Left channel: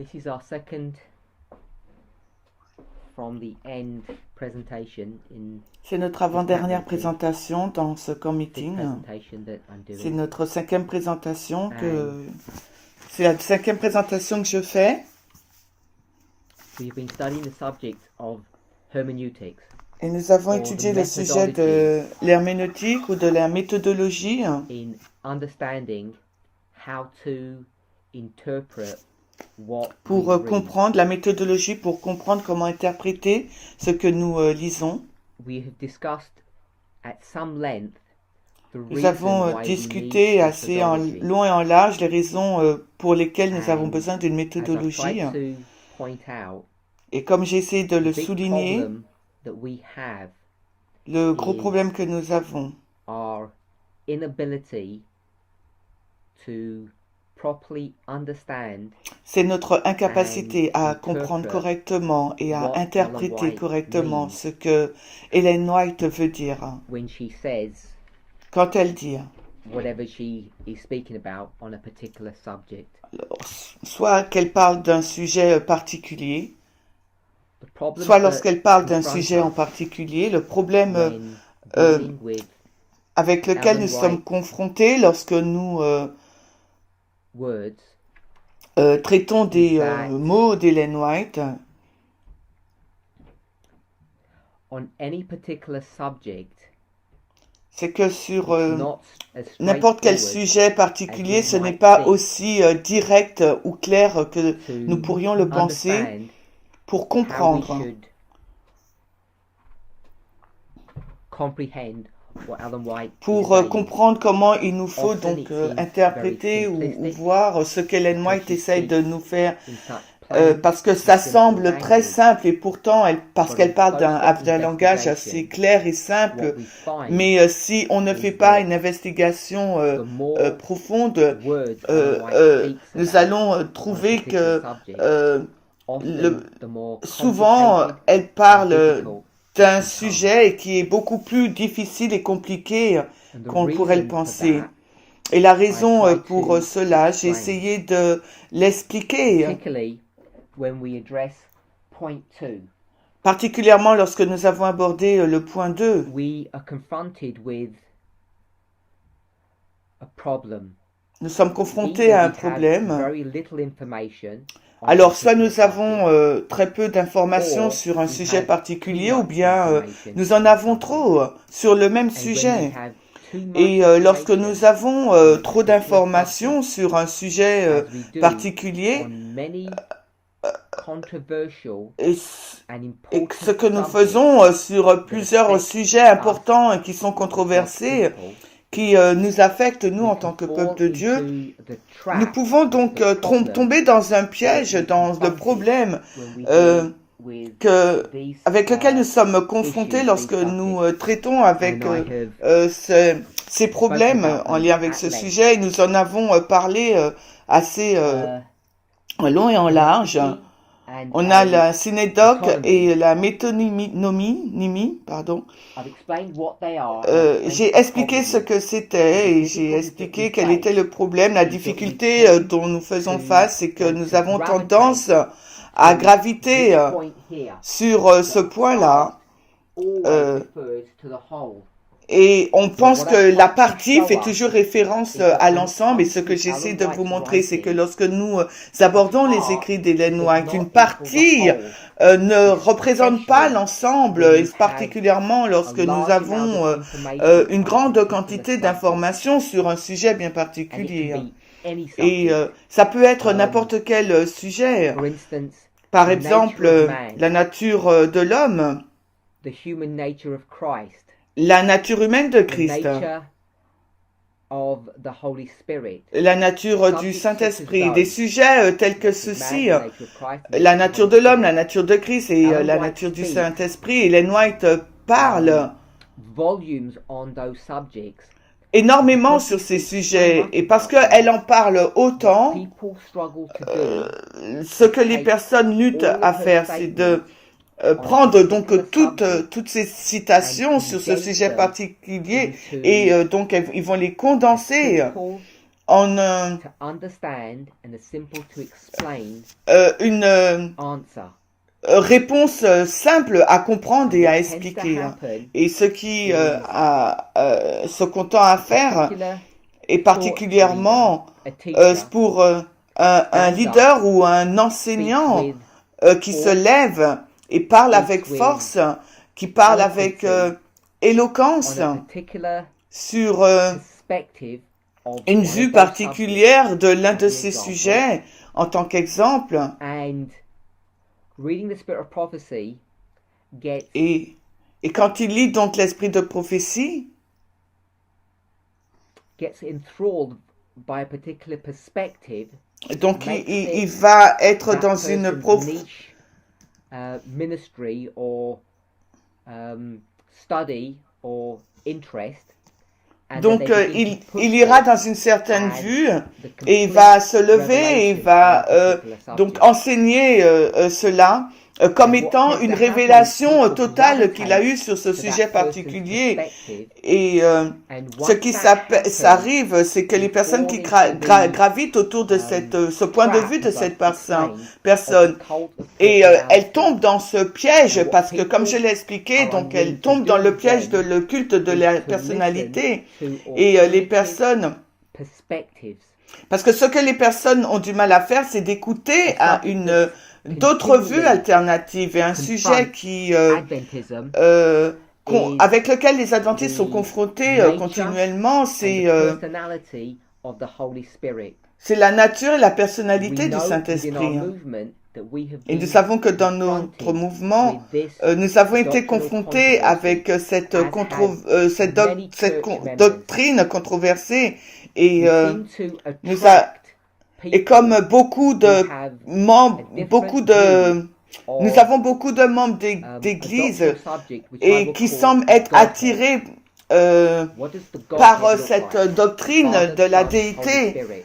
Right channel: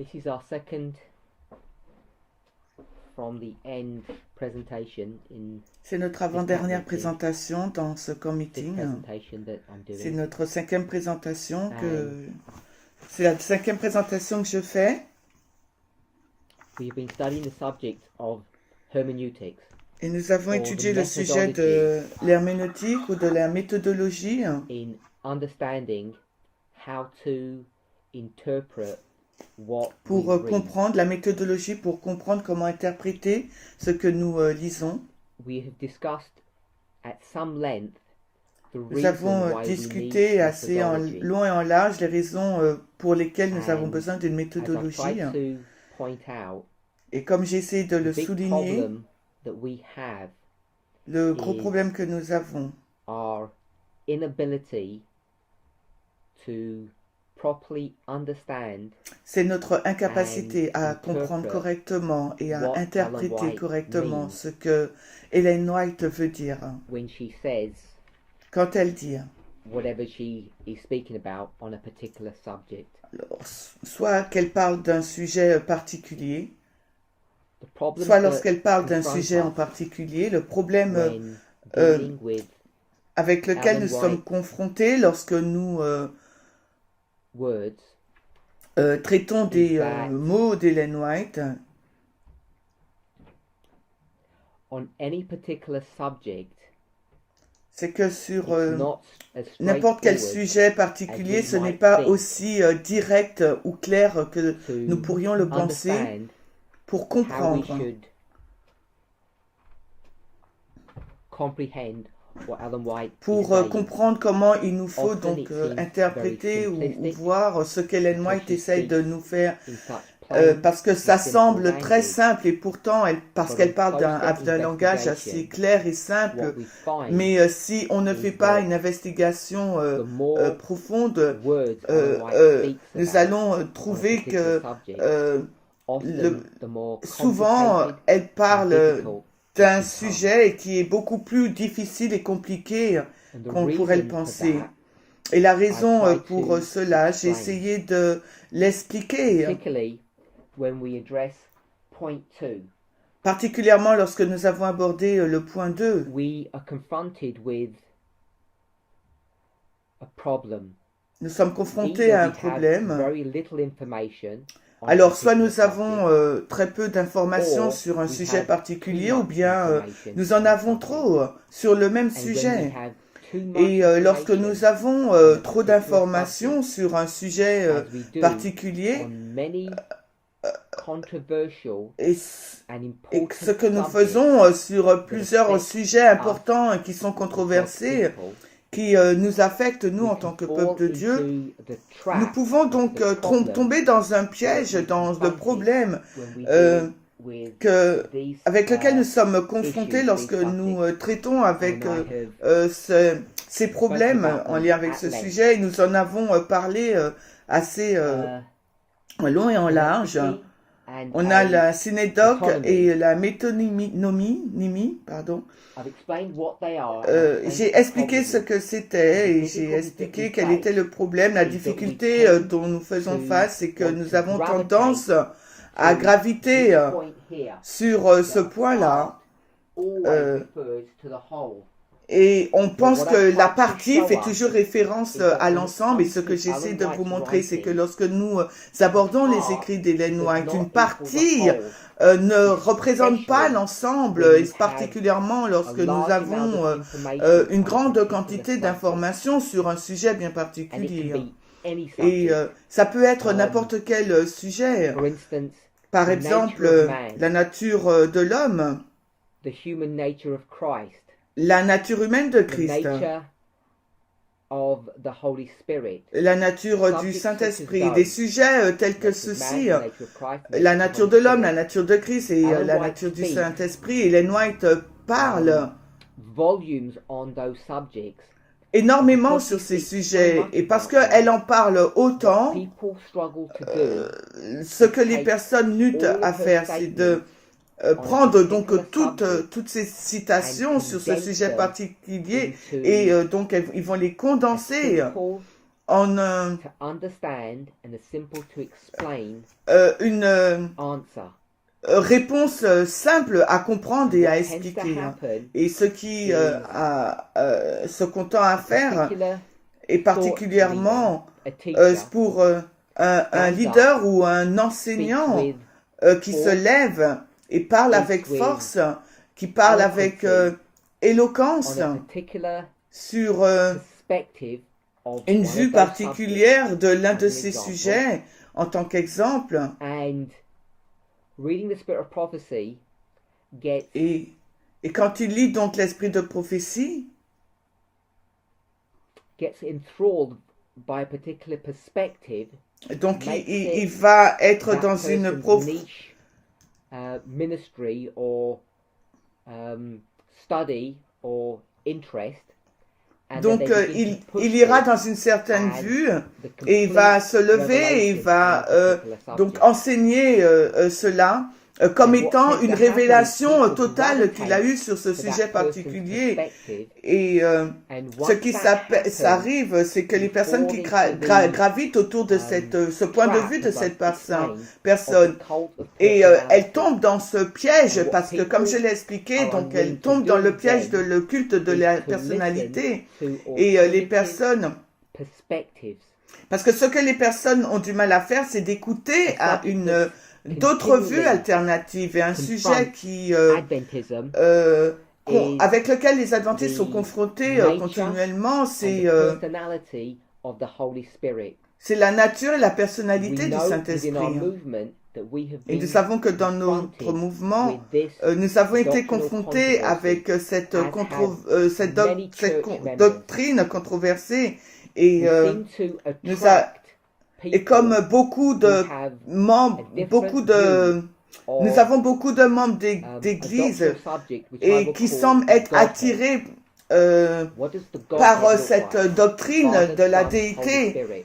This is our second from the end presentation in C'est notre avant-dernière présentation dans ce this meeting. presentation that I'm C'est doing. notre cinquième présentation c'est la cinquième présentation que je fais. We've been studying the subject of hermeneutics. Et nous avons étudié le sujet de l'herméneutique ou de la méthodologie In understanding how to interpret what pour we read. comprendre la méthodologie, pour comprendre comment interpréter ce que nous lisons. We have discussed at some length the Nous reason avons why we need discuté assez en methodology. long et en large les raisons pour lesquelles nous avons And besoin d'une As méthodologie. I tried to point out, Et comme j'ai essayé de le the big souligner, problem that we have le gros is problème que nous avons, our inability to properly understand c'est notre incapacité and à comprendre interpret correctement et à what interpréter Ellen White correctement means ce que Ellen White veut dire when she says quand elle dit, whatever she is speaking about on a particular subject. soit qu'elle parle d'un sujet particulier, The problem soit that lorsqu'elle parle d'un confronts sujet en us particulier, le problème when euh, dealing with avec lequel Ellen nous sommes White confrontés lorsque nous words traitons is des that mots d'Ellen White, on any particular subject, c'est que sur it's not as n'importe quel straightforward sujet particulier, we ce n'est might pas think aussi direct ou clair que nous to pourrions le penser understand pour how we comprendre, should comprehend what Ellen White is pour saying. comprendre comment il nous faut Often donc it seems interpréter very ou simplistic voir ce qu'Ellen because White she essaye de speaks nous faire, in such plain parce que and ça simple semble très language. simple et pourtant, parce But qu'elle on parle closer d'un langage assez investigation, clair et what simple, we find mais si on ne is fait pas that une investigation the more profonde, words Ellen White speaks nous about allons on a trouver particular que subject, le- often the more souvent, complicated elle and parle difficult d'un it becomes. sujet qui est beaucoup plus difficile et compliqué And the qu'on pourrait le reason for penser. that, Et la I raison try pour to cela, j'ai explain, essayé de l'expliquer, particularly when we address point 2. particulièrement lorsque nous avons abordé le point 2. We are confronted with a problem. Nous sommes confrontés Either à un we have problème. very little information on a Alors, soit particular nous avons subject, très peu d'informations or sur un we sujet have too particulier, ou much bien information nous en on a avons subject. trop sur le même And when we sujet. have too much Et lorsque nous information avons on a trop particular d'informations subject, sur un sujet as we do particulier, on many controversial et, and et ce important que nous subjects faisons sur that plusieurs affect sujets us importants et qui sont as God's controversés, people, qui nous affectent nous we en can tant que fall peuple de Dieu, into the nous trap pouvons of donc the problem tomber dans un that piège, we dans le confronted problème when we euh, deal with these avec lequel nous sommes confrontés issues, lorsque these nous subjects. traitons avec And I have ces spoken problèmes about en them lien avec at ce length. sujet. Et nous en avons parlé assez en long et en large. Synecdoche and On a la synédoque et autonomy. la métonymie, pardon. I've explained what they are and explained J'ai what the expliqué problem ce is. que And c'était the et j'ai difficulty that we expliqué quel était face le problème. La is that we difficulté tend dont nous faisons to face, c'est que want nous to avons gravitate tendance à to graviter this point here. sur ce That point-là. part always Euh, refers to the whole. Et on But pense what que I la try to partie show fait us toujours référence is that à when it l'ensemble. Et comes ce que to j'essaie Ellen de vous White's montrer, c'est que writing, lorsque nous the abordons les part écrits d'Ellen does White, une not equal the partie whole, ne représente pas especially l'ensemble, when et you have particulièrement a lorsque nous large amount avons of information une on a grande particular quantité subject. d'informations sur un sujet bien And it can particulier. be any Et subject. ça peut être Um, n'importe quel sujet. For instance, Par the exemple, nature of man, la nature de l'homme, the human nature of Christ, la nature humaine de the Christ, nature of the Holy Spirit. la nature du Subjects such as Saint-Esprit, des those, sujets tels the que nature of man, ceux-ci, the nature of Christ, the la nature of the nature Holy de l'homme, la Spirit. nature de Christ et Ellen la White nature du speaks Saint-Esprit. Ellen White parle volumes on those subjects énormément because she sur ces speaks so sujets much et parce about them. qu'elle en parle What autant, people struggle to do ce is que les take personnes luttent all à of her faire, c'est de statements on a prendre donc particular subject toutes ces and citations sur ce condense sujet them particulier into et donc ils vont les condenser simple en to understand and a simple to explain une answer. réponse simple à comprendre et à What tends to expliquer. happen Et ce qui ce qu'on tend à faire, particular et particulièrement a teacher pour un leader ou un speaks enseignant with qui se lève et parle avec force, qui parle avec éloquence on a particular sur perspective of une one of vue those particulière de l'un de as an ces example. sujets en tant qu'exemple. And reading the Spirit of Prophecy gets Et quand il lit donc l'esprit de prophétie, enthralled by a particular perspective, donc makes il it va être that dans une person's niche ministry or study or interest. And donc then they begin to push il ira it dans une certaine as vue the et il complete va se lever et revelation va on a particular donc subject. enseigner cela comme And what étant tends une to happen is révélation people totale qu'il a gravitate eue sur ce to sujet that person's particulier. perspective, Et and ce once qui that happens, s'arrive, c'est que les they personnes fall qui into the gravitent autour de ce point de vue trap, de as cette I've explained, of personne, the cult of et elles personality. tombent dans ce piège And what parce que, comme je people l'ai expliqué, are donc unwilling elles to tombent do dans le piège de then le culte de is la to personnalité. listen to Et les alternative personnes, perspectives. parce que ce que les personnes ont du mal à faire, c'est d'écouter A à subject that's d'autres vues continually alternatives et un sujet confronts qui Adventism is avec lequel les adventistes sont the confrontés nature continuellement, and the personality of the Holy Spirit. c'est la nature et la We personnalité du know within our Saint-Esprit. movement that we have Et nous been savons que dans notre confronted mouvement, with this nous avons été doctrinal confrontés controversy, avec cette, as had many church members. doctrine controversée. Et, We seem to nous a- attract et comme people beaucoup who de have membres, a different beaucoup de, view nous of avons beaucoup de membres a d'église doctrinal subject which I et will qui call semblent the être Godhead. attirés What does the par Godhead look cette like? doctrine Father, de la Son, Holy déité, Spirit.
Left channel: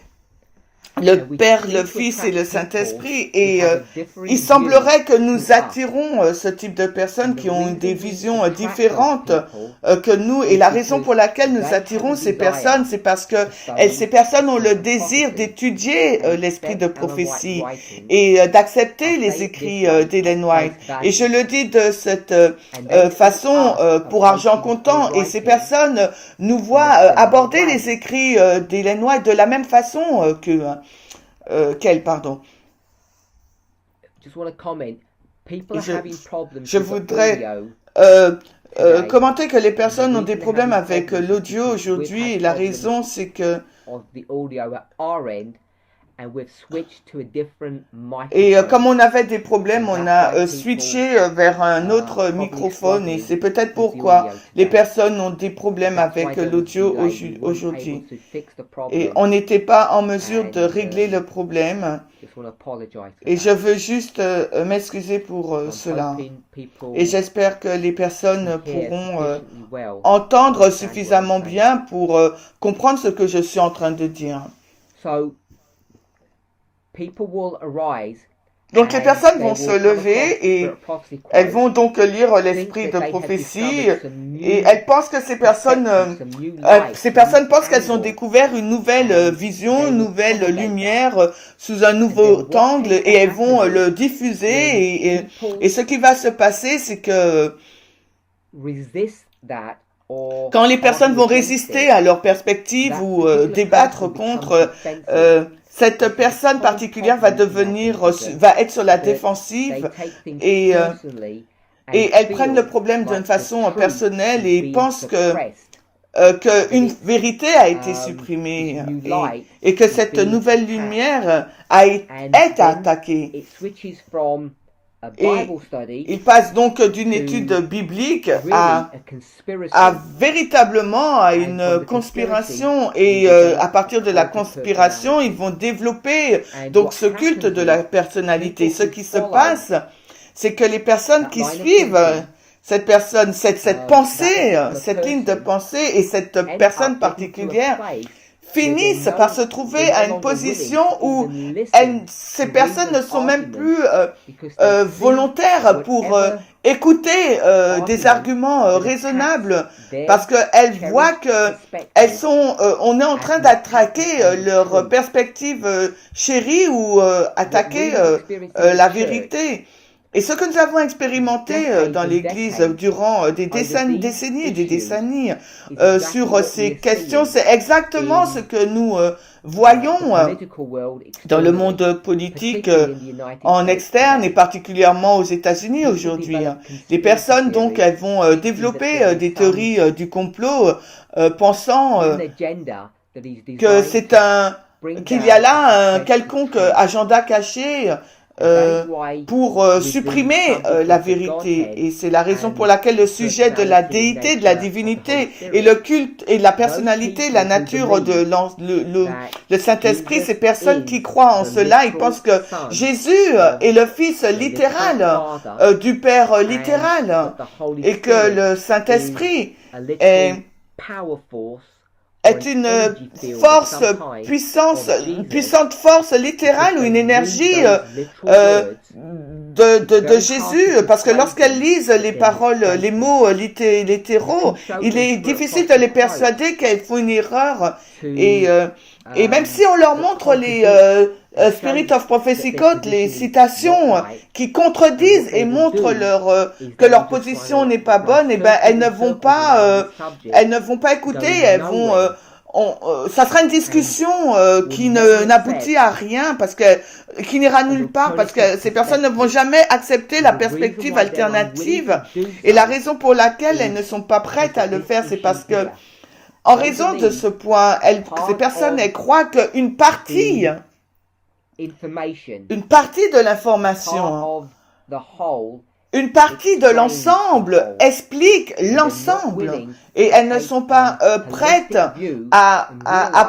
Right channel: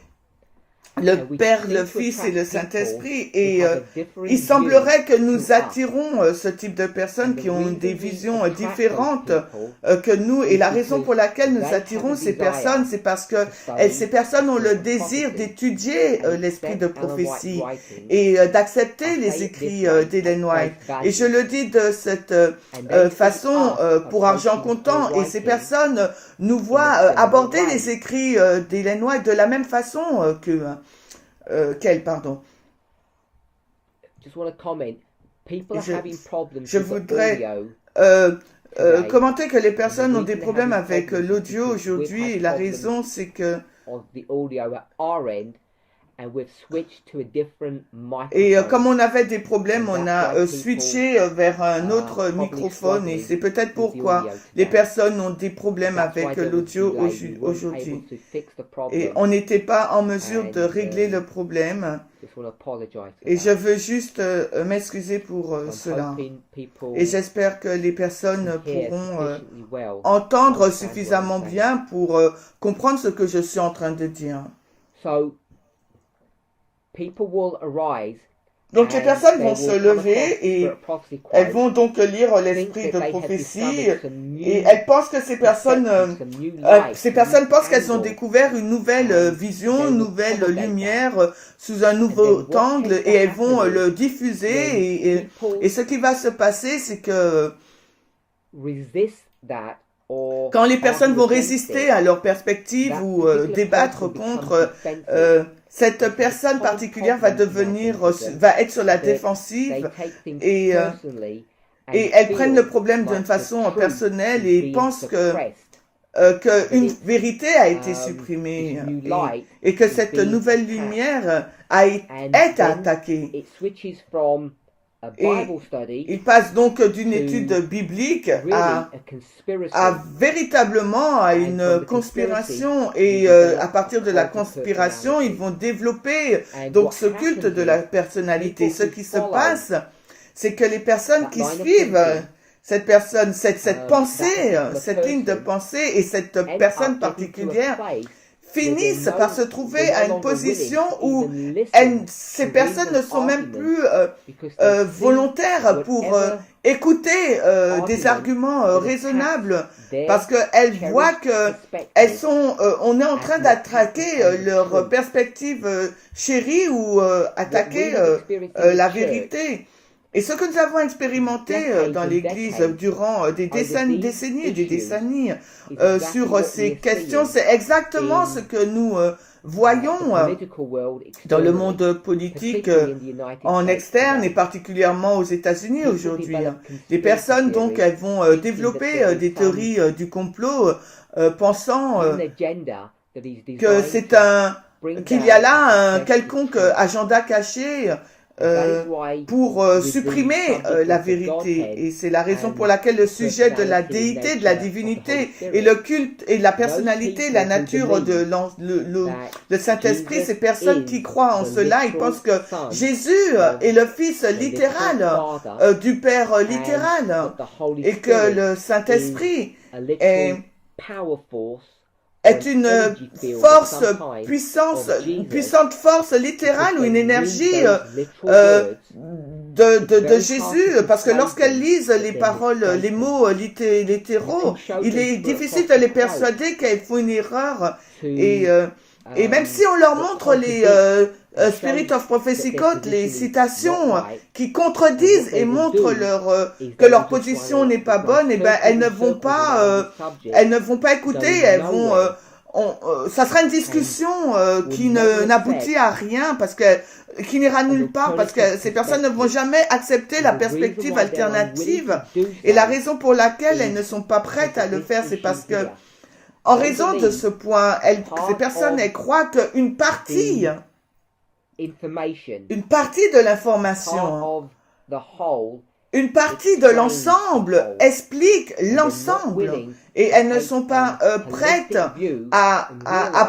le And we Père, seem le to Fils et le attract Saint-Esprit. people Et who have a differing il view semblerait que nous to us. attirons ce type de personnes And qui the ont reason des we visions attract those différentes people que nous. Et is la raison pour because laquelle nous they have attirons a ces desire personnes, c'est parce que to study ces personnes ont the le book of désir prophecy d'étudier and l'esprit de accept Ellen White's prophétie writings. et d'accepter I les say it écrits this way, d'Ellen at White. face Et je value. le dis de cette And they see façon us pour argent approaching comptant. her Et ces writing personnes nous in voient a similar aborder les way. écrits d'Ellen White de la même façon qu'elle, pardon. Just want to comment. People are Je, having problems je with the voudrais audio today. commenter que les And the personnes ont des reason they're problèmes having avec problems is l'audio because we've aujourd'hui. Et had la problems raison, c'est que of the audio at our end, and we've switched to a different et comme microphone. on avait des problèmes, And on that's a why people switché vers un autre probably microphone. Et struggling c'est peut-être with the pourquoi audio les today. personnes ont des problèmes That's why avec there was a l'audio delay. We weren't able aujourd'hui. to fix the Et problem. on n'était pas en mesure de And régler le problème. just want to apologize for Et je that. veux juste m'excuser pour So I'm cela. hoping people Et j'espère que les personnes can hear pourront sufficiently well to entendre understand what suffisamment I'm saying. bien pour comprendre ce que je suis en train de dire. So people will arise Donc les and personnes they vont se will come lever across et Spirit of Prophecy elles quote, vont donc lire think l'esprit that de they have prophétie discovered some et new elles pensent que ces personnes, perspective, some new light, ces some personnes new pensent qu'elles ont angle, découvert une nouvelle and vision, they une will nouvelle propagate that. lumière sous un And nouveau then what angle tends to et elles vont happen le is diffuser when et people ce qui va se passer, c'est que resist that or quand les personnes argue vont against résister it, à leur perspective that ou particular débattre person becomes contre defensive. cette There's a personne common particulière va problem in devenir, Adventism va être sur la that they défensive take things et personally et and elles prennent le feel problème d'une like the façon truth personnelle is et being pensent suppressed, que that une it's vérité a été this supprimée new light et que is cette being nouvelle attacked, lumière and est then attaquée. it switches from a Et Bible study il passe donc d'une to étude biblique really a conspiracy, véritablement à and une from the conspiracy conspiration you et develop à partir de la a cult of conspiration, ils personality. vont développer And donc what ce culte happens de la is personnalité. people Ce who qui se follow passe, c'est que les personnes that qui line of suivent thinking, cette pensée, that cette ligne de particular pensée et cette person personne end up getting to a particulière place finissent par se trouver à une position où ces personnes ne sont même plus volontaires pour écouter des arguments raisonnables parce qu'elles voient que on est en train d'attaquer leur perspective chérie ou attaquer la vérité. Et ce que nous avons expérimenté dans l'Église durant des décennies et des décennies sur ces questions, c'est exactement ce que nous voyons dans le monde politique en externe et particulièrement aux États-Unis aujourd'hui. Les personnes, donc, elles vont développer des théories du complot pensant que qu'il y a là un quelconque agenda caché pour supprimer la vérité. Et c'est la raison pour laquelle le sujet de la déité, de la divinité et le culte et la personnalité, la nature de le Saint-Esprit, ces personnes qui croient en cela, ils pensent que Jésus est le Fils littéral du Père littéral et que le Saint-Esprit est une puissante force littérale ou une énergie de Jésus, parce que lorsqu'elles lisent les paroles, les mots littéraux, il est difficile de les persuader qu'elles font une erreur. Et même si on leur montre les Spirit of Prophecy Code, les citations qui contredisent et montrent que leur position n'est pas bonne, et ben elles ne vont pas écouter, elles vont ça sera une discussion qui n'aboutit à rien qui n'ira nulle part parce que ces personnes ne vont jamais accepter la perspective alternative et la raison pour laquelle elles ne sont pas prêtes à le faire, c'est parce que en raison de ce point, ces personnes elles croient qu'une partie de l'information, une partie de l'ensemble explique l'ensemble et elles ne sont pas prêtes à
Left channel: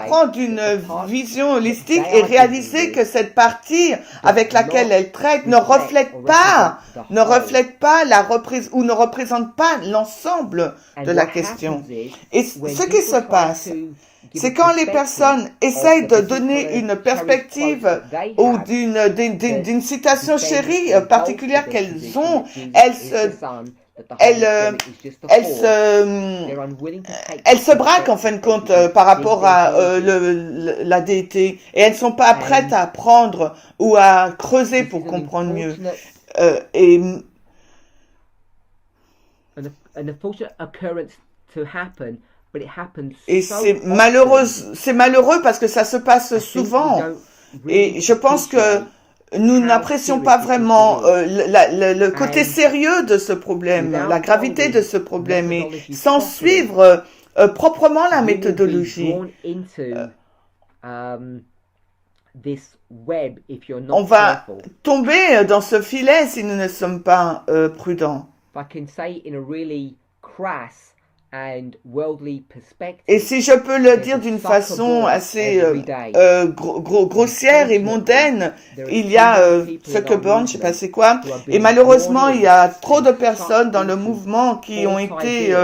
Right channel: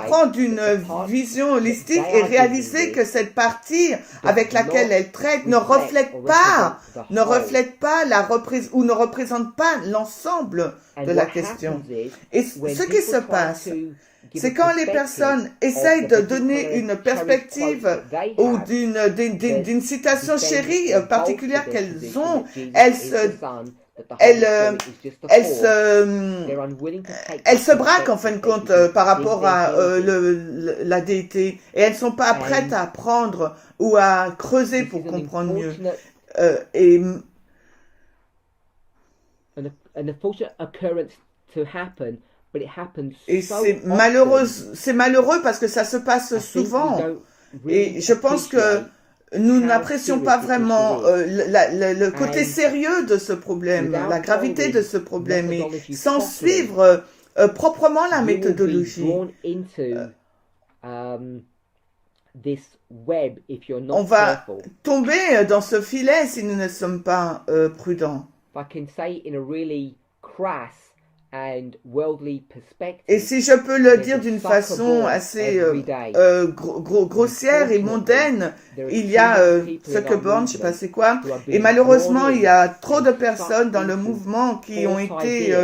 prendre une vision holistique et réaliser que cette partie avec laquelle elles traitent ne reflète pas ne représente pas l'ensemble de la question. Et ce qui se passe, c'est quand les personnes essayent de donner une perspective ou d'une citation chérie particulière qu'elles ont, elles se braquent en fin de compte par rapport à la déité et elles ne sont pas prêtes à apprendre ou à creuser pour comprendre mieux. Et c'est malheureux parce que ça se passe souvent. Et je pense que nous n'apprécions pas vraiment le côté sérieux de ce problème, la gravité de ce problème, et sans suivre proprement la méthodologie. On va tomber dans ce filet si nous ne sommes pas prudents. Et si je peux le dire d'une façon assez grossière et mondaine, il y a Zuckerberg, je sais pas c'est quoi, et malheureusement il y a trop de personnes dans le mouvement qui ont été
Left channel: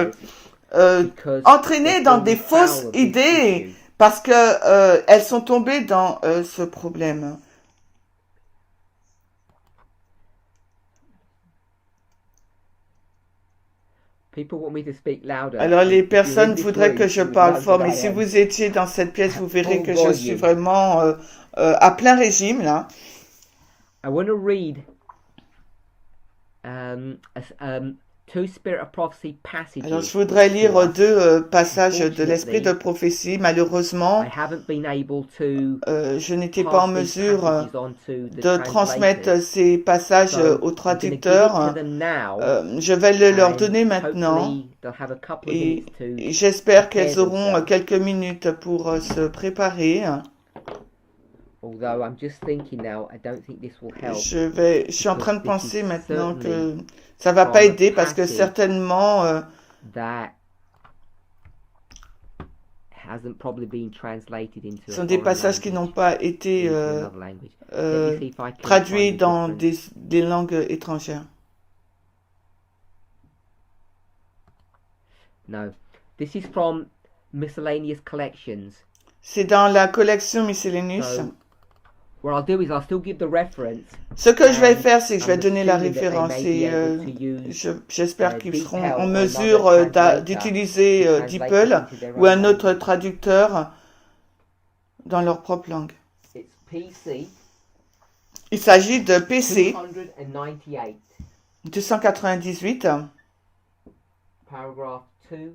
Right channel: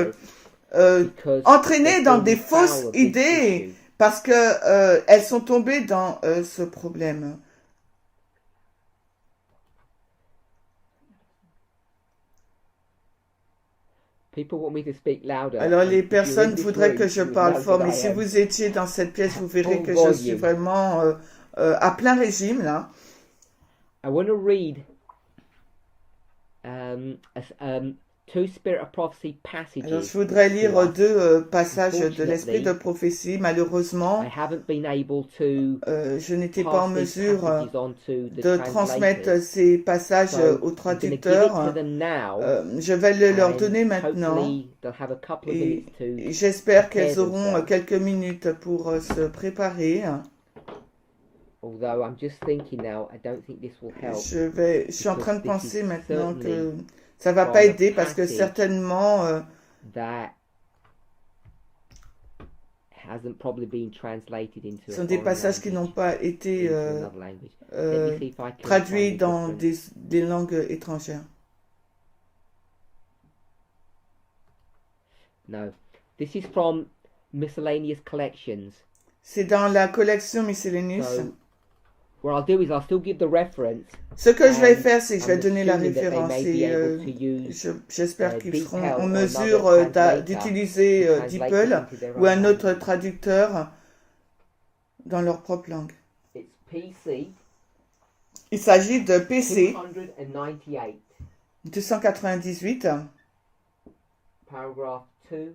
entraînées dans des fausses idées parce que elles sont tombées dans ce problème. Alors les personnes voudraient que je parle fort, mais si vous étiez dans cette pièce, vous verrez que je suis vraiment à plein régime là. Alors je voudrais lire deux passages de l'Esprit de prophétie. Malheureusement, je n'étais pas en mesure de transmettre ces passages aux traducteurs. Je vais leur donner maintenant et j'espère qu'elles auront quelques minutes pour se préparer. Je suis en train de penser maintenant que ça va pas aider parce que certainement ce sont des passages qui n'ont pas été traduits dans des langues étrangères. No. This is from Miscellaneous Collections. C'est dans la collection Miscellaneous. So, what I'll do is I'll still give the reference. Ce que je vais faire, c'est que je vais I'm donner la assuming that they référence may be et able to use, j'espère qu'ils seront DeepL en or mesure another translator d'utiliser to translate DeepL it into their ou un own autre language. traducteur dans leur propre langue. It's PC Il s'agit de PC 298, 298, paragraph 2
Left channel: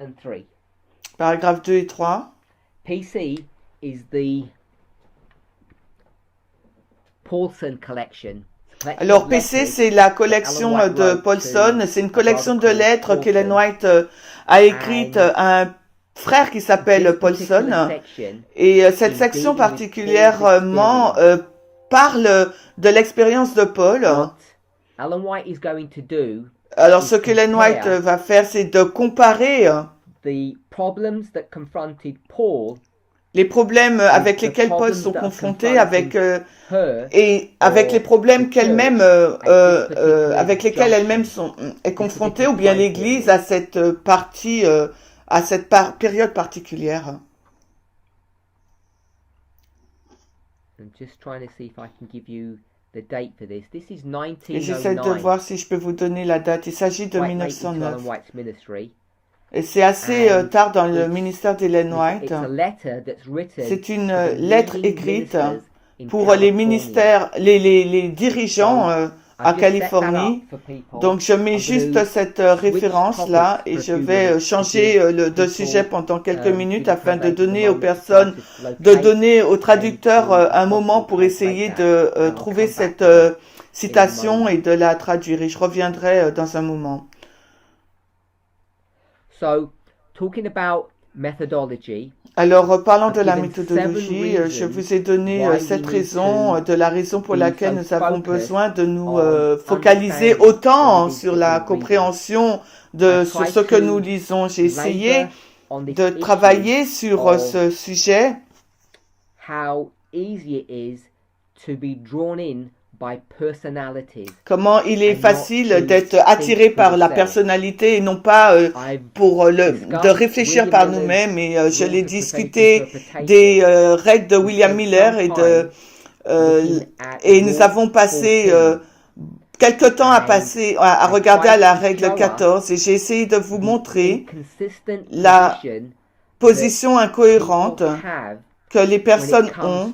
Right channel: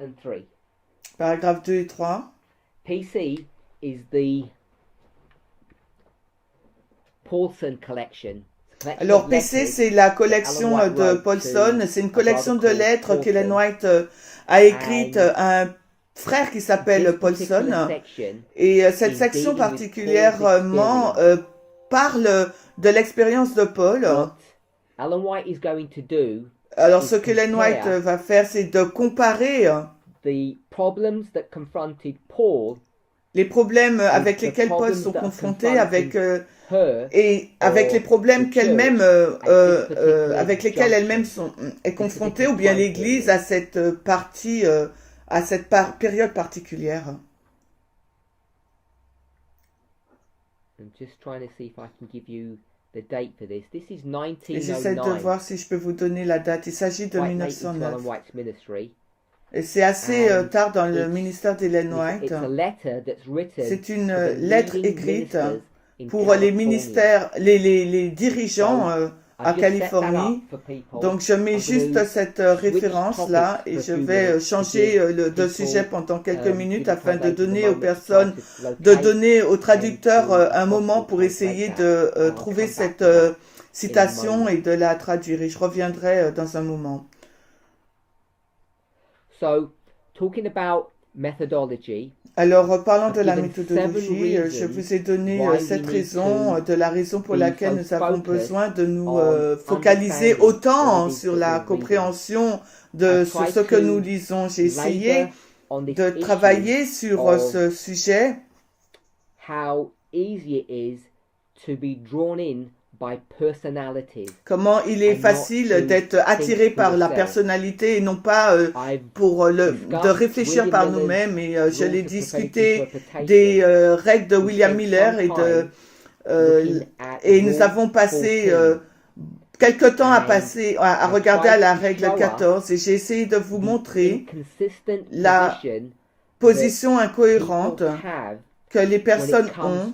and 3. paragraphes 2 et 3. PC is the Paulson collection. Alors PC, c'est la collection de Paulson, c'est une collection de lettres qu'Ellen White a écrite à un frère qui s'appelle Paulson. Et cette section particulièrement parle de l'expérience de Paul. Alors ce qu'Ellen White va faire, c'est de comparer les problèmes avec lesquels Paul sont confrontés avec et avec les problèmes qu'elle-même avec lesquels elle-même est confrontée, ou bien l'Église à cette partie à cette période particulière. Et j'essaie de voir si je peux vous donner la date. Il s'agit de 1909. Et c'est assez tard dans le ministère d'Ellen White. C'est une lettre écrite pour les ministères, les dirigeants à Californie. Donc je mets juste cette référence-là et je vais changer de sujet pendant quelques minutes afin de donner aux personnes, de donner aux traducteurs un moment pour essayer de trouver cette citation et de la traduire. Et je reviendrai dans un moment. So, talking about methodology, alors, parlant de la méthodologie, je vous ai donné cette raison, de la raison pour laquelle nous avons besoin de nous focaliser autant sur la compréhension de sur ce que nous lisons. J'ai essayé de travailler sur ce sujet. How easy it is to be drawn in by personalities. Comment il est facile d'être attiré par la personnalité et non pas de réfléchir par nous-mêmes. Et je l'ai discuté des règles de William Miller et nous avons passé quelque temps à regarder à la règle 14 et j'ai essayé de vous montrer la position incohérente que les personnes ont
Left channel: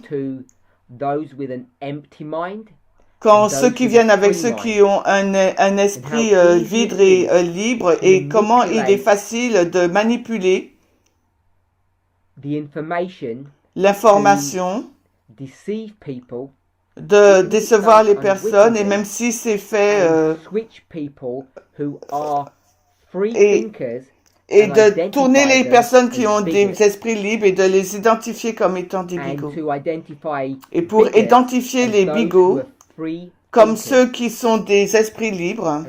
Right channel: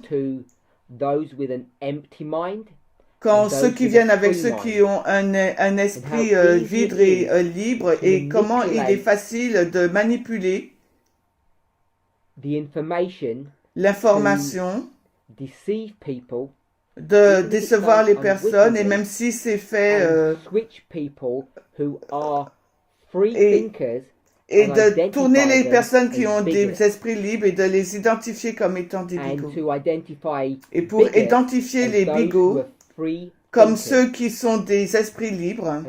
quand ceux qui viennent avec ceux qui ont un esprit vide et libre, et comment il est facile de manipuler l'information, de décevoir les personnes, et même si c'est fait et de tourner les personnes qui ont des esprits libres et de les identifier comme étant des bigots. Et pour identifier les bigots comme ceux qui sont des esprits libres.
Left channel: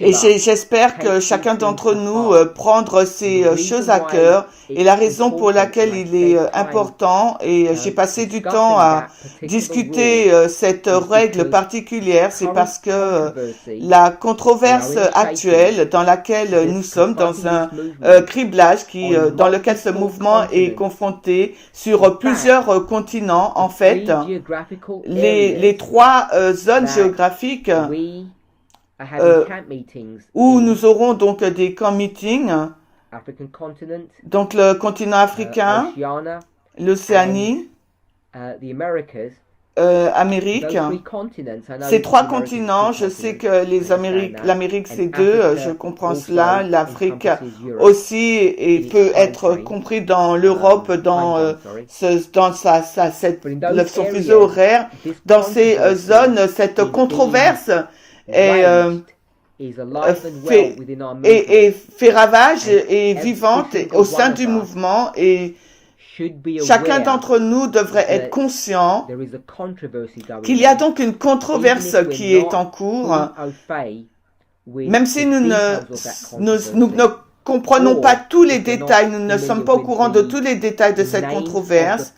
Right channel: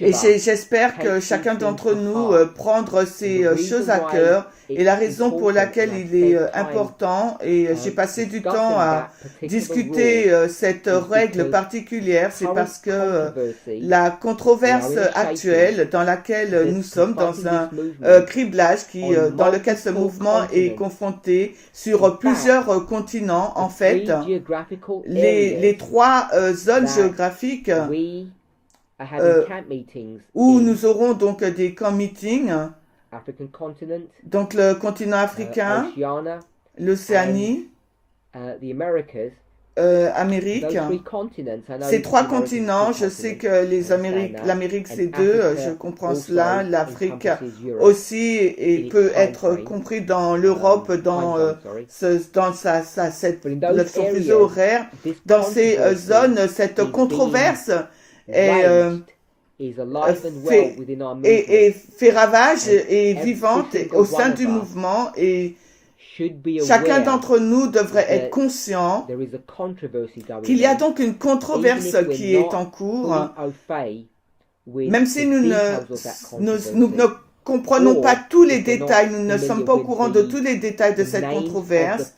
Et j'espère que chacun d'entre nous prendre ces choses à cœur. Et la raison pour laquelle il est important, et j'ai passé du temps à discuter cette règle particulière, c'est parce que la controverse actuelle dans laquelle nous sommes, dans un criblage dans lequel ce mouvement est confronté sur plusieurs continents, en fait, les trois zones géographiques où nous aurons donc des camp meetings, donc le continent africain, l'Océanie, Amérique. Ces trois continents, je sais que l'Amérique c'est deux, je comprends cela, l'Afrique aussi et peut être compris dans l'Europe, dans son fuseau horaire. Dans ces zones, cette controverse fait ravage et vivante au sein du mouvement, et chacun d'entre nous devrait être conscient qu'il y a donc une controverse qui est en cours, même si nous ne comprenons pas tous les détails, nous ne sommes pas au courant de tous les détails de cette controverse,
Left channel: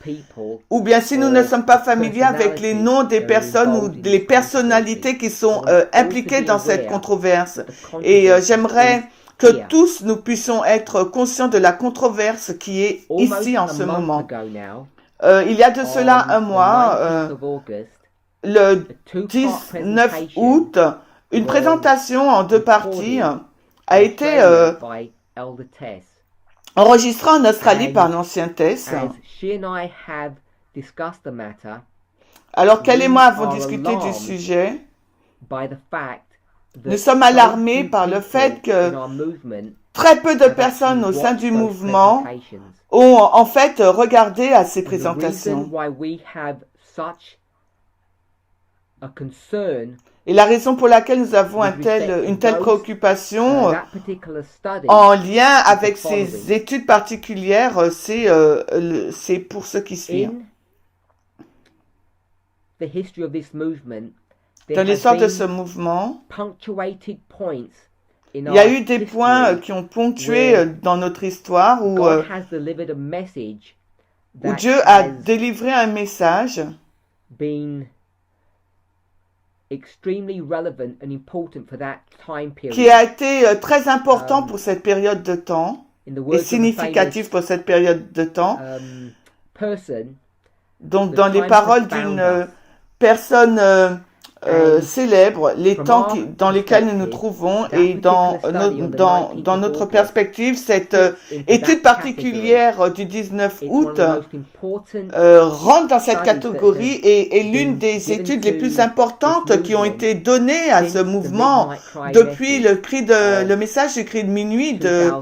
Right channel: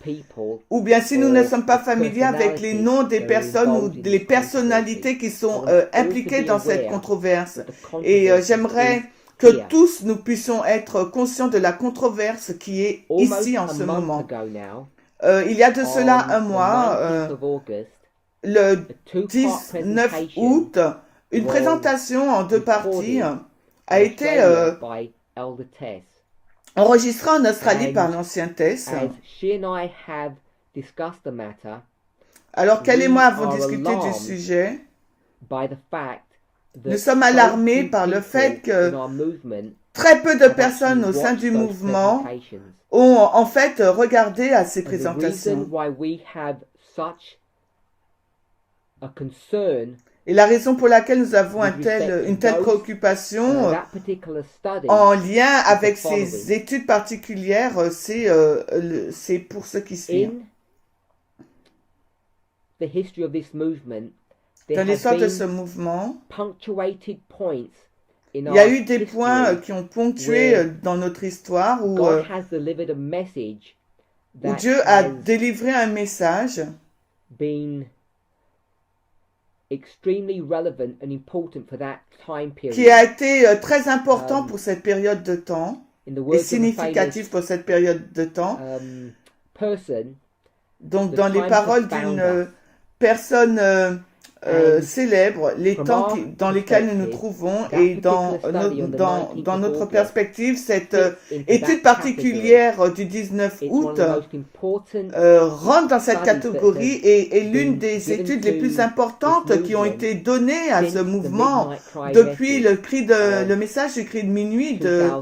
ou bien si nous ne sommes pas familiers avec les noms des personnes ou les personnalités qui sont impliquées dans cette controverse. Et j'aimerais que tous nous puissions être conscients de la controverse qui est ici en ce moment. Il y a de cela un mois, le 19 août, une présentation en 2 parties a été enregistrée en Australie par l'ancien Tess. Alors qu'elle et moi avons discuté du sujet, nous sommes alarmés par le fait que très peu de personnes au sein du mouvement ont en fait regardé à ces présentations. Et la raison pour laquelle nous avons une telle préoccupation en lien avec ces études particulières, c'est pour ce qui suit. Dans l'histoire de ce mouvement, il y a eu des points qui ont ponctué dans notre histoire où Dieu a délivré un message qui a été très important pour cette période de temps et significatif pour cette période de temps. Donc, dans les paroles d'une personne célèbre, les temps dans lesquels nous nous trouvons et dans notre perspective, cette étude particulière du 19 août rentre dans cette catégorie et est l'une des études les plus importantes qui ont été données à ce mouvement depuis le message du cri de minuit de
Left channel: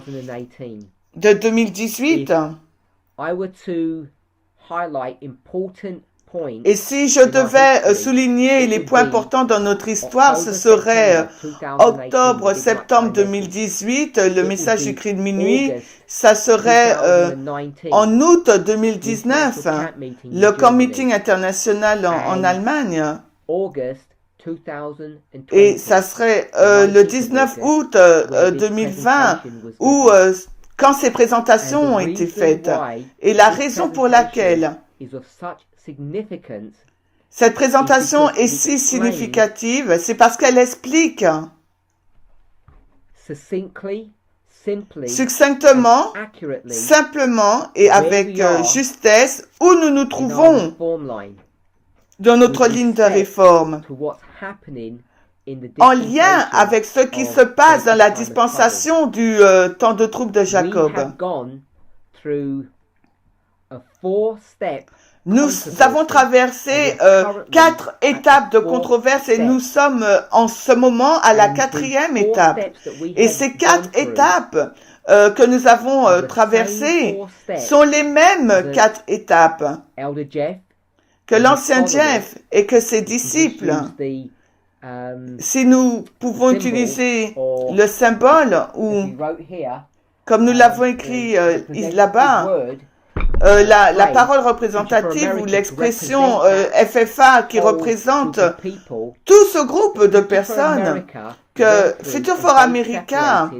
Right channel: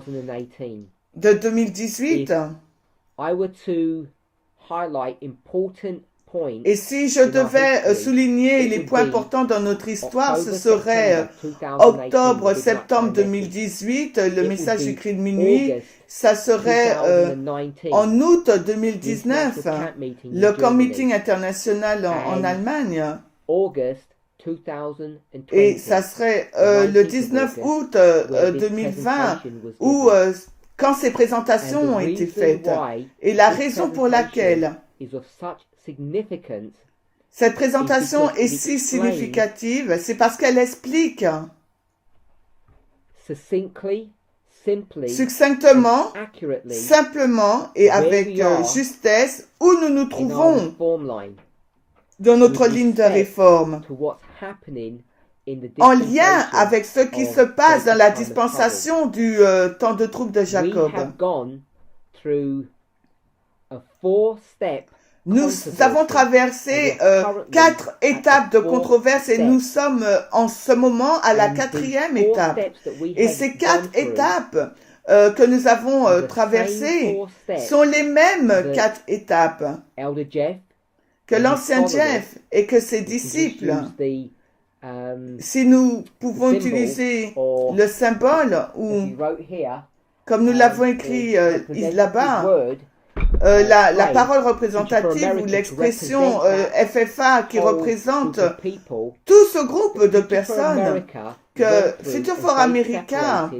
2018. Et si je devais souligner les points importants dans notre histoire, ce serait octobre-septembre 2018, le message du cri de minuit. Ça serait en août 2019, le camp meeting international en Allemagne. Et ça serait le 19 août 2020 où quand ces présentations ont été faites. Et la raison pour laquelle cette présentation est si significative, c'est parce qu'elle explique succinctement, simplement et avec justesse où nous nous trouvons dans notre ligne de réforme, en lien avec ce qui se passe dans la dispensation du temps de trouble de Jacob. Nous avons traversé 4 étapes de controverse et nous sommes en ce moment à la 4e étape. Et ces 4 étapes que nous avons traversées sont les mêmes 4 étapes que l'ancien Jeff et que ses disciples. Si nous pouvons utiliser le symbole ou, comme nous l'avons écrit là-bas, la parole représentative ou l'expression FFA qui représente tout ce groupe de personnes que Future for America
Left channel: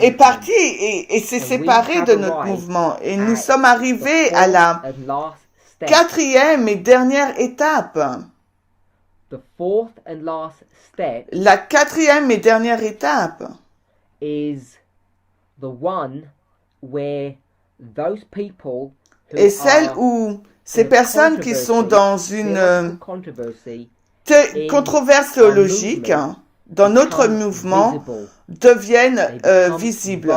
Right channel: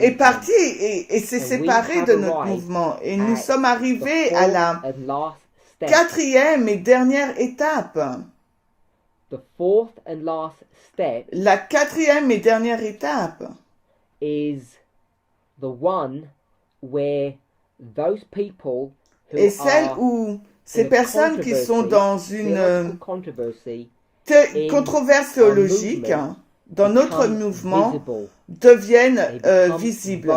est parti et s'est séparé de notre mouvement. Et nous sommes arrivés à la 4e et dernière étape. La 4e et dernière étape is the one where those people est celle où ces personnes qui sont dans une controverse théologique dans notre mouvement deviennent visibles.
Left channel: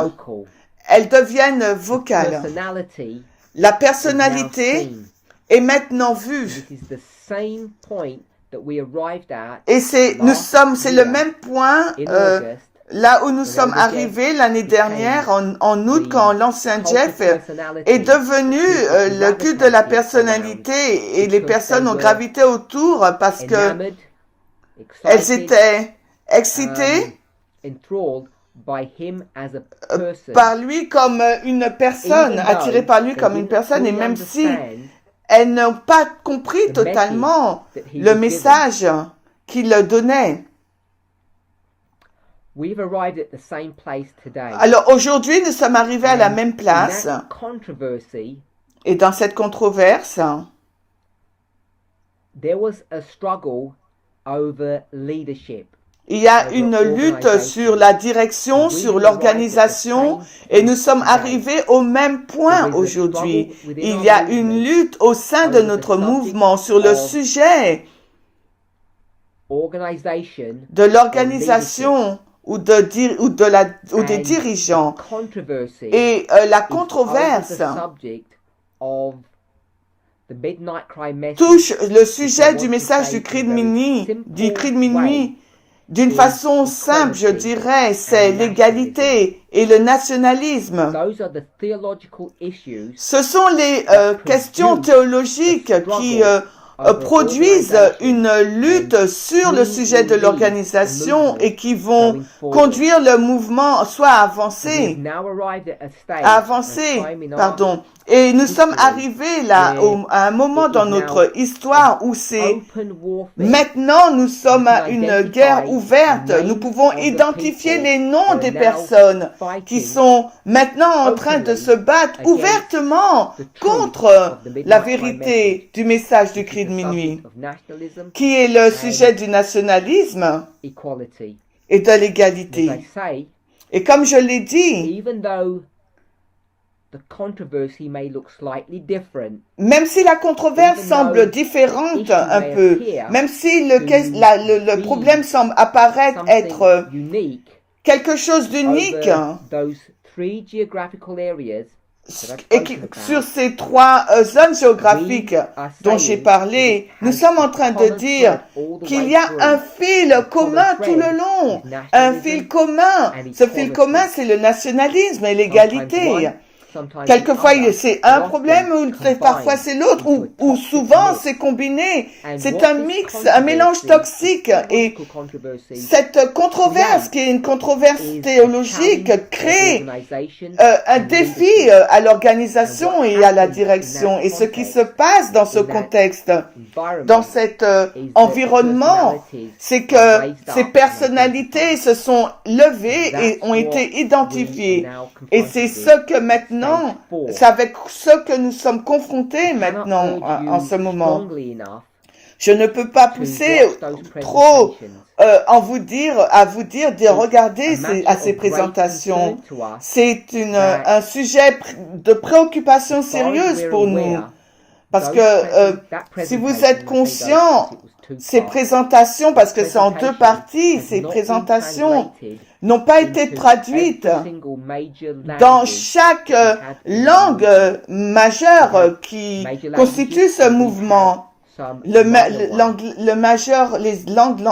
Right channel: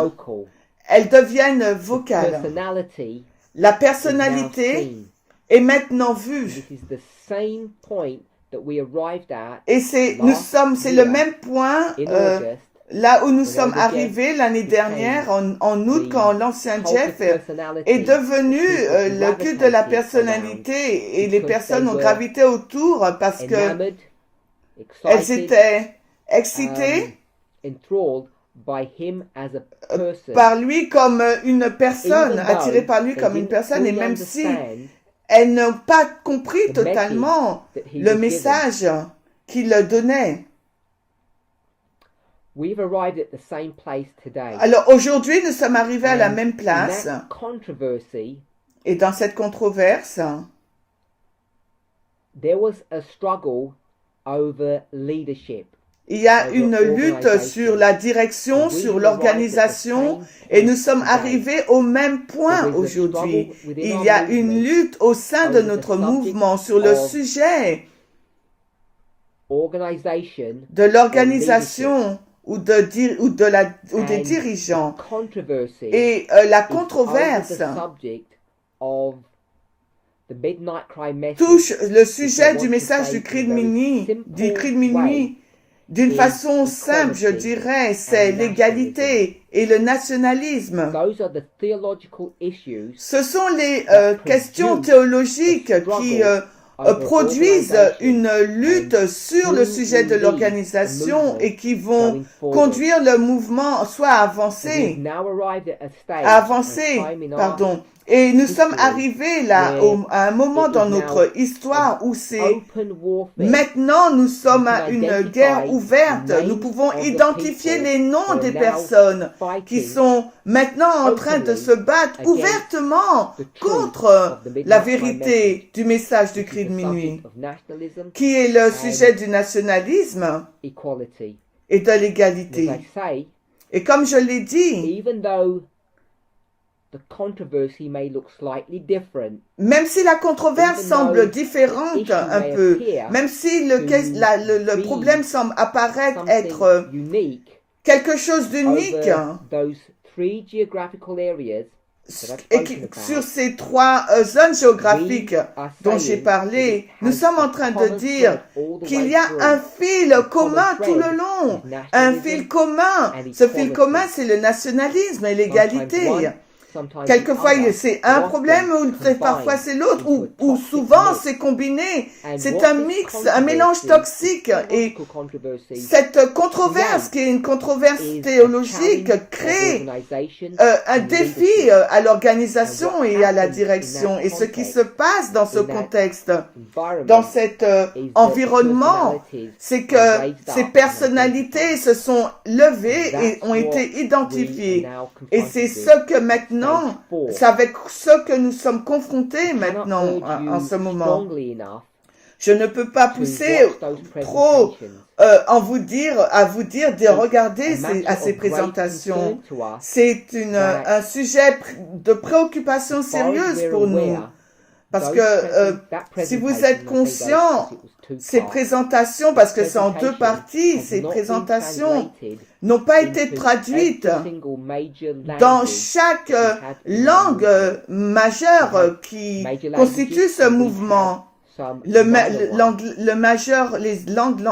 Elles deviennent vocales. La personnalité est maintenant vue. Et c'est le même point là où nous sommes arrivés l'année dernière, en août, quand l'ancien Jeff est devenu le culte de la personnalité et les personnes ont gravité autour parce que elles étaient excitées par lui comme une personne, attirées par lui comme une personne, et même si elles n'ont pas compris totalement le message qu'il donnait. Alors aujourd'hui, nous sommes arrivés à la même place. Et dans cette controverse, il y a une lutte sur la direction, sur l'organisation, et nous sommes arrivés au même point aujourd'hui. Il y a une lutte au sein de notre mouvement sur le sujet de l'organisation ou des dirigeants. Et la controverse touche le sujet du message du cri de minuit, d'une façon simple, je dirais, c'est l'égalité et le nationalisme. Ce sont les questions théologiques qui produisent une lutte sur le sujet de l'organisation et qui vont conduire le mouvement soit à avancer, Et nous sommes arrivés là à un moment dans notre histoire où c'est maintenant nous sommes à une guerre ouverte. Nous pouvons identifier les noms des personnes qui sont maintenant en train de se battre ouvertement contre la vérité du message du cri de minuit, qui est le sujet du nationalisme et de l'égalité. Et comme je l'ai dit, même si la controverse semble différente un peu, même si le problème semble apparaître être quelque chose d'unique, et sur ces trois zones géographiques dont j'ai parlé, nous sommes en train de dire qu'il y a un fil commun tout le long, un fil commun. Ce fil commun, c'est le nationalisme et l'égalité. Quelquefois, c'est un problème, ou parfois c'est l'autre, ou souvent c'est combiné. C'est un mix, un mélange toxique. Et cette controverse, qui est une controverse théologique, crée un défi à l'organisation et à la direction. Et ce qui se passe dans ce contexte, dans cet environnement, c'est que ces personnalités se sont levées et ont été identifiées. Et c'est ce que maintenant, c'est avec ce que nous sommes confrontés maintenant en ce moment. Je ne peux pas pousser trop à vous dire de regarder ces présentations. C'est un sujet de préoccupation sérieuse pour nous. Parce que si vous êtes conscient, ces présentations, parce que c'est en deux parties, ces présentations n'ont pas été traduites dans chaque langue majeure qui constitue ce mouvement. Le majeur, les langues.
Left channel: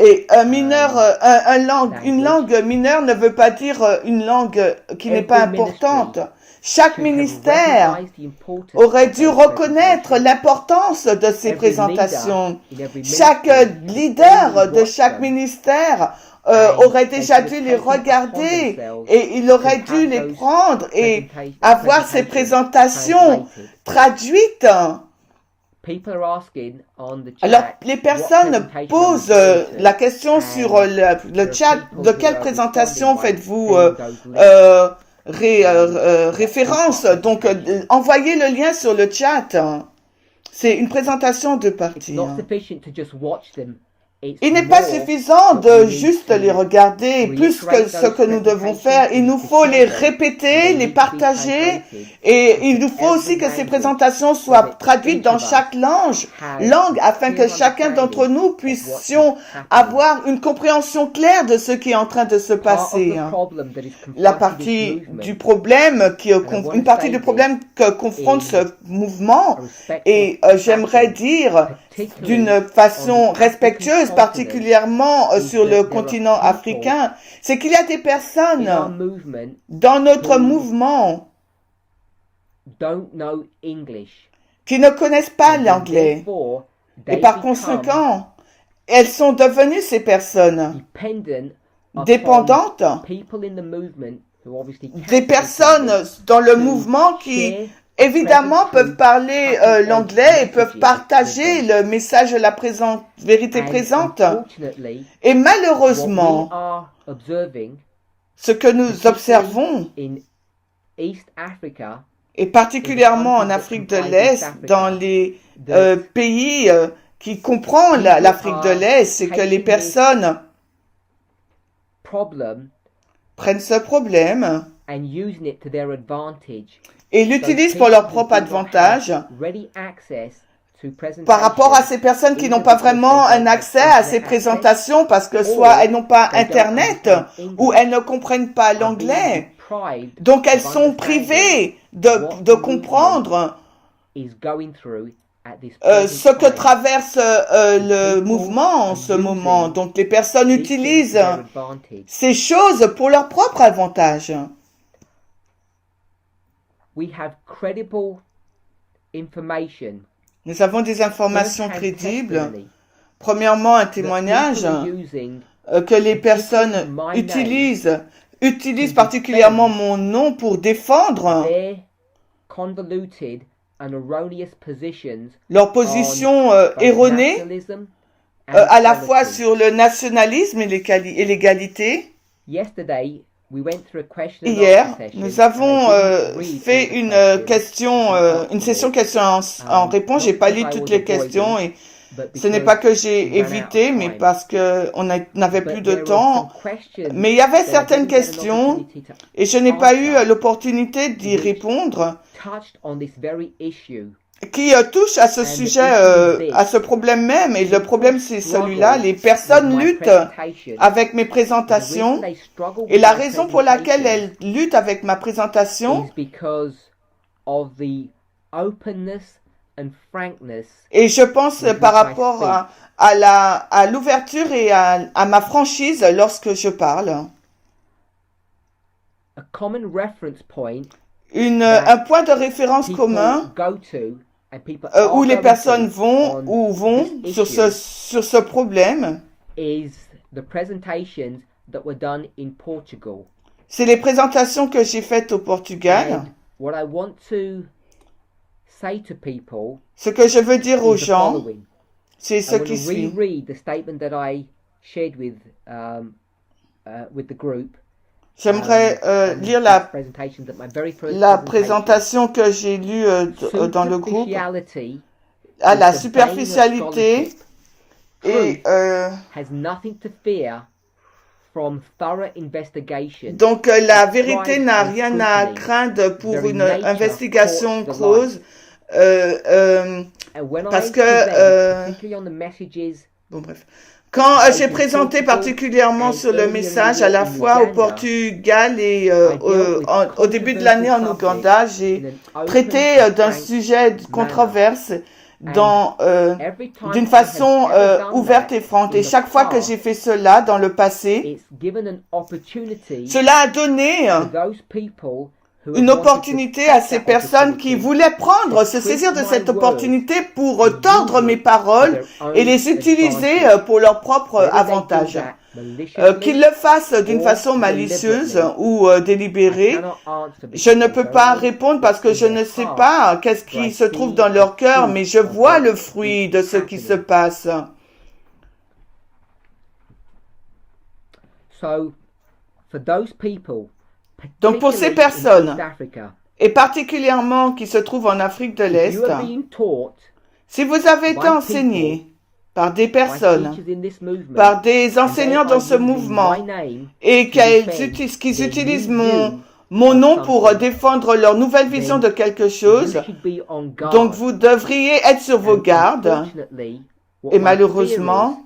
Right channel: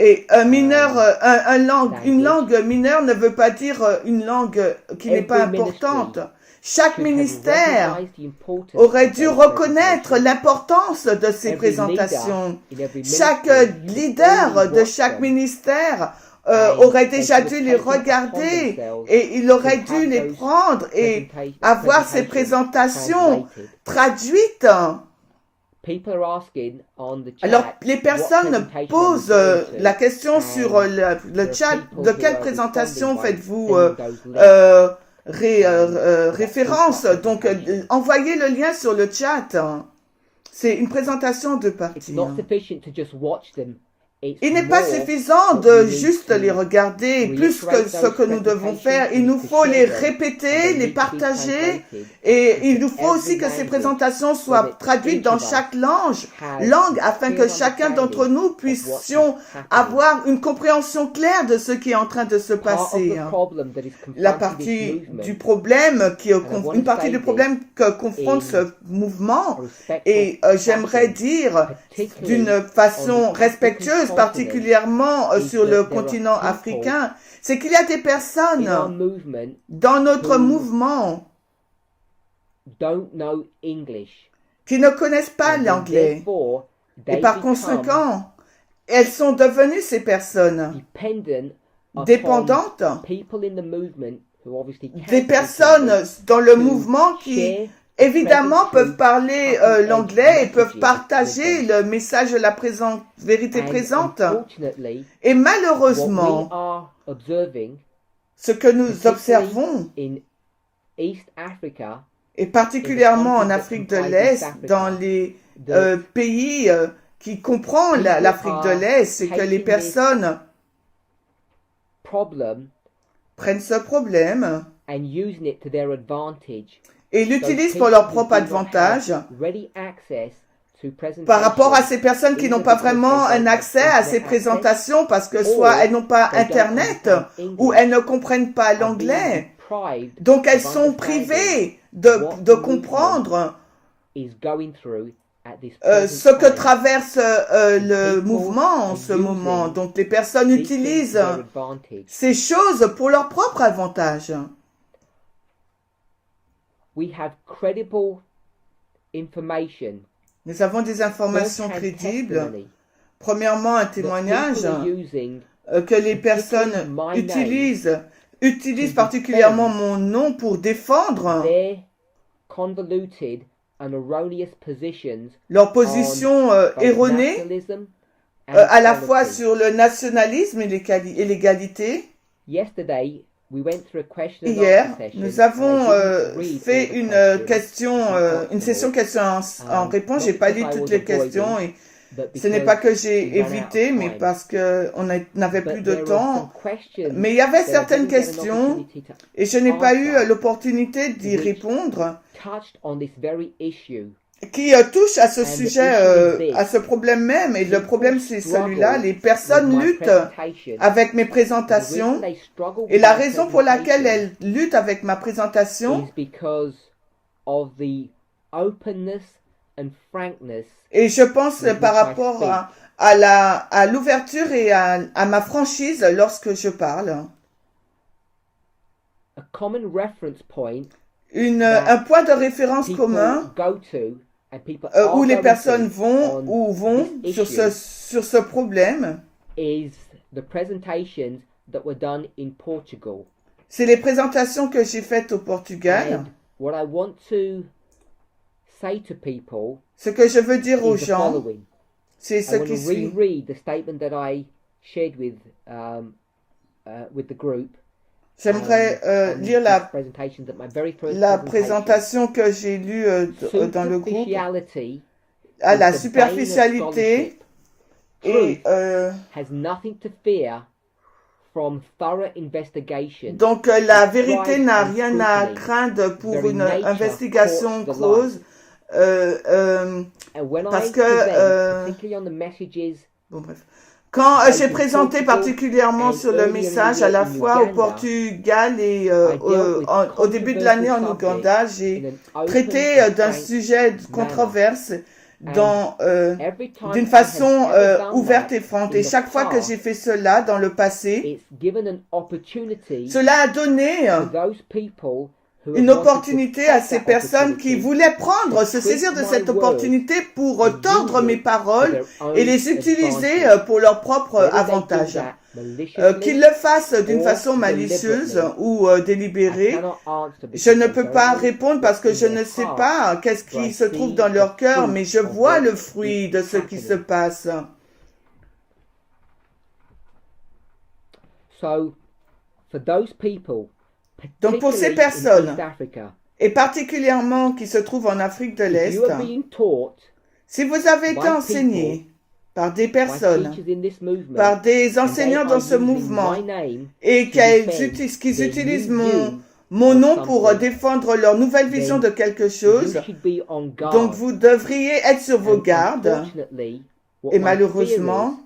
Et une langue mineure ne veut pas dire une langue qui n'est pas importante. Chaque ministère aurait dû reconnaître l'importance de ces présentations. Chaque leader de chaque ministère aurait déjà dû les regarder et il aurait dû les prendre et avoir ces présentations traduites. Alors, les personnes posent la question sur le chat, de quelle présentation faites-vous référence? Donc, envoyez le lien sur le chat. C'est une présentation de partie. Il n'est pas suffisant de juste les regarder, plus que ce que nous devons faire. Il nous faut les répéter, les partager, et il nous faut aussi que ces présentations soient traduites dans chaque langue, afin que chacun d'entre nous puissions avoir une compréhension claire de ce qui est en train de se passer. La partie du problème une partie du problème que confronte ce mouvement, et j'aimerais dire d'une façon respectueuse, particulièrement sur le continent africain, c'est qu'il y a des personnes dans notre mouvement qui ne connaissent pas l'anglais. Et par conséquent, elles sont devenues ces personnes dépendantes des personnes dans le mouvement qui évidemment peuvent parler l'anglais et peuvent partager le message de la vérité présente. Et malheureusement, ce que nous observons, et particulièrement en Afrique de l'Est, dans les pays qui comprend l'Afrique de l'Est, c'est que les personnes prennent ce problème et l'utilisent pour leur propre avantage par rapport à ces personnes qui n'ont pas vraiment un accès à ces présentations parce que soit elles n'ont pas Internet ou elles ne comprennent pas l'anglais. Donc elles sont privées de comprendre ce que traverse le mouvement en ce moment. Donc les personnes utilisent ces choses pour leur propre avantage. Nous avons des informations crédibles. Premièrement, un témoignage que les personnes utilisent particulièrement mon nom pour défendre leur position erronée à la fois sur le nationalisme et l'égalité. Hier, nous avons fait une session questions en réponse. J'ai pas lu toutes les questions et ce n'est pas que j'ai évité, mais parce que on n'avait plus de temps. Mais il y avait certaines questions et je n'ai pas eu l'opportunité d'y répondre qui touche à ce sujet, à ce problème même. Et le problème, c'est celui-là. Les personnes luttent avec mes présentations. Et la raison pour laquelle elles luttent avec ma présentation, et je pense par rapport à l'ouverture et à ma franchise lorsque je parle. Un point de référence commun où les personnes vont sur ce problème, c'est les présentations que j'ai faites au Portugal. Ce que je veux dire aux gens, c'est ce qui suit. J'aimerais lire la présentation que j'ai lue dans le groupe. À la superficialité et donc la vérité n'a rien à craindre pour une investigation close parce que bon bref. Quand j'ai présenté particulièrement sur le message à la fois au Portugal et au début de l'année en Ouganda, j'ai traité d'un sujet controverse d'une façon ouverte et franche. Et chaque fois que j'ai fait cela dans le passé, cela a donné une opportunité à ces personnes qui voulaient se saisir de cette opportunité pour tordre mes paroles et les utiliser pour leur propre avantage. Qu'ils le fassent d'une façon malicieuse ou délibérée, je ne peux pas répondre parce que je ne sais pas qu'est-ce qui se trouve dans leur cœur, mais je vois le fruit de ce qui se passe. Donc pour ces personnes, et particulièrement qui se trouvent en Afrique de l'Est, si vous avez été enseigné par des personnes, par des enseignants dans ce mouvement, et qu'ils utilisent mon nom pour défendre leur nouvelle vision de quelque chose, donc vous devriez être sur vos gardes. Et malheureusement,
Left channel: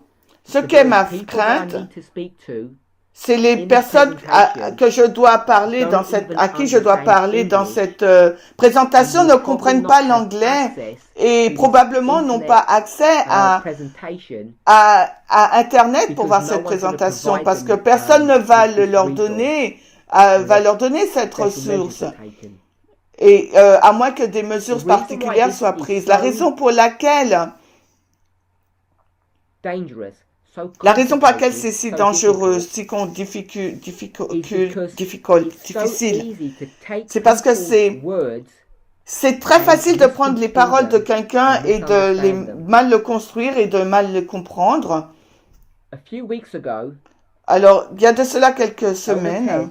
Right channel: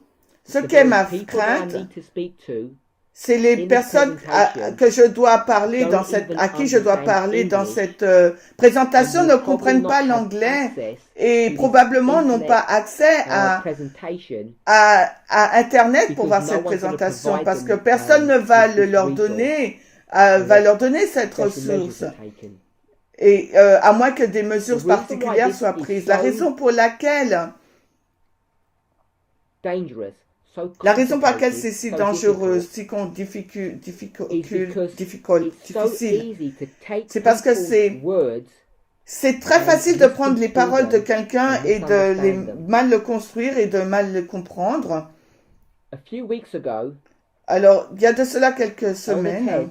ce qu'est ma crainte, c'est les personnes que je dois parler à qui je dois parler dans cette présentation ne comprennent pas l'anglais et probablement n'ont pas accès à Internet pour voir cette présentation parce que personne ne va leur donner cette ressource. Et à moins que des mesures particulières soient prises. La raison pour laquelle c'est si dangereux, si difficile, c'est parce que c'est très facile de prendre les paroles de quelqu'un et de mal le construire et de mal le comprendre. Alors, il y a de cela quelques semaines,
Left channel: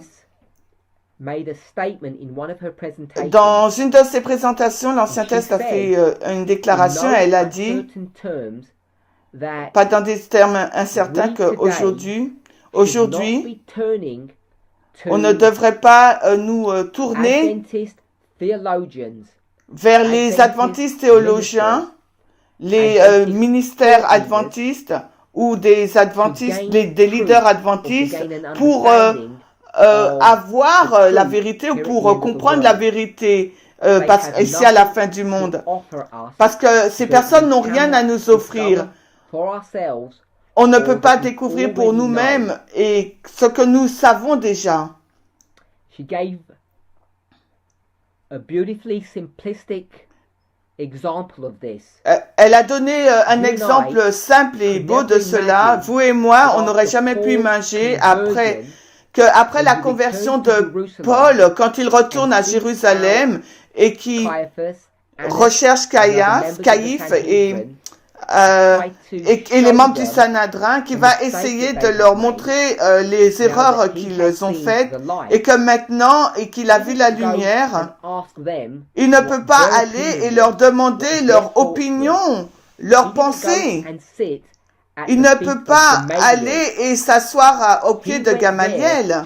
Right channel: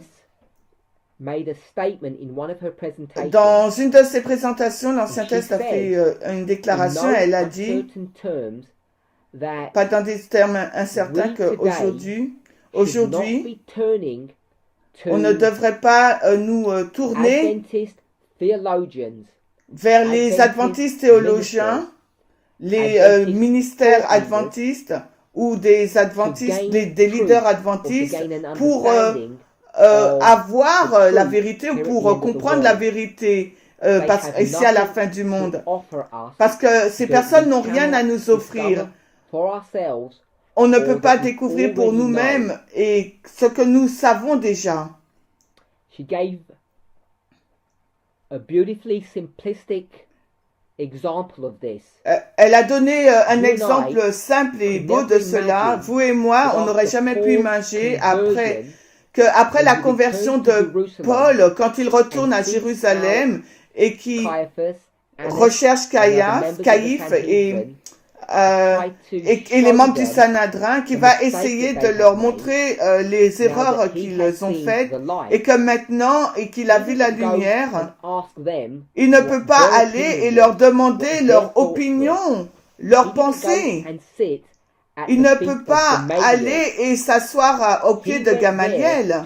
made a statement in one of her presentations. Dans une de ses présentations, l'Ancien Test a fait une déclaration. Elle a dit, pas dans des termes incertains, qu'aujourd'hui, on ne devrait pas nous tourner vers les adventistes théologiens, les ministères adventistes ou des adventistes, des leaders adventistes pour avoir la vérité ou pour comprendre la vérité ici à la fin du monde. Parce que ces personnes n'ont rien à nous offrir. On ne peut pas découvrir pour nous-mêmes et ce que nous savons déjà. She gave a beautifully simplistic example of this. Elle a donné un exemple simple et beau de cela. Vous et moi, on n'aurait jamais pu imaginer après la conversion de Paul, quand il retourne à Jérusalem et qui recherche Caïphe et les membres du Sanhédrin, qui va essayer de leur montrer les erreurs qu'ils ont faites et que maintenant, et qu'il a vu la lumière, il ne peut pas aller et leur demander leur opinion, leur pensée. Il ne peut pas aller et s'asseoir au pied de Gamaliel.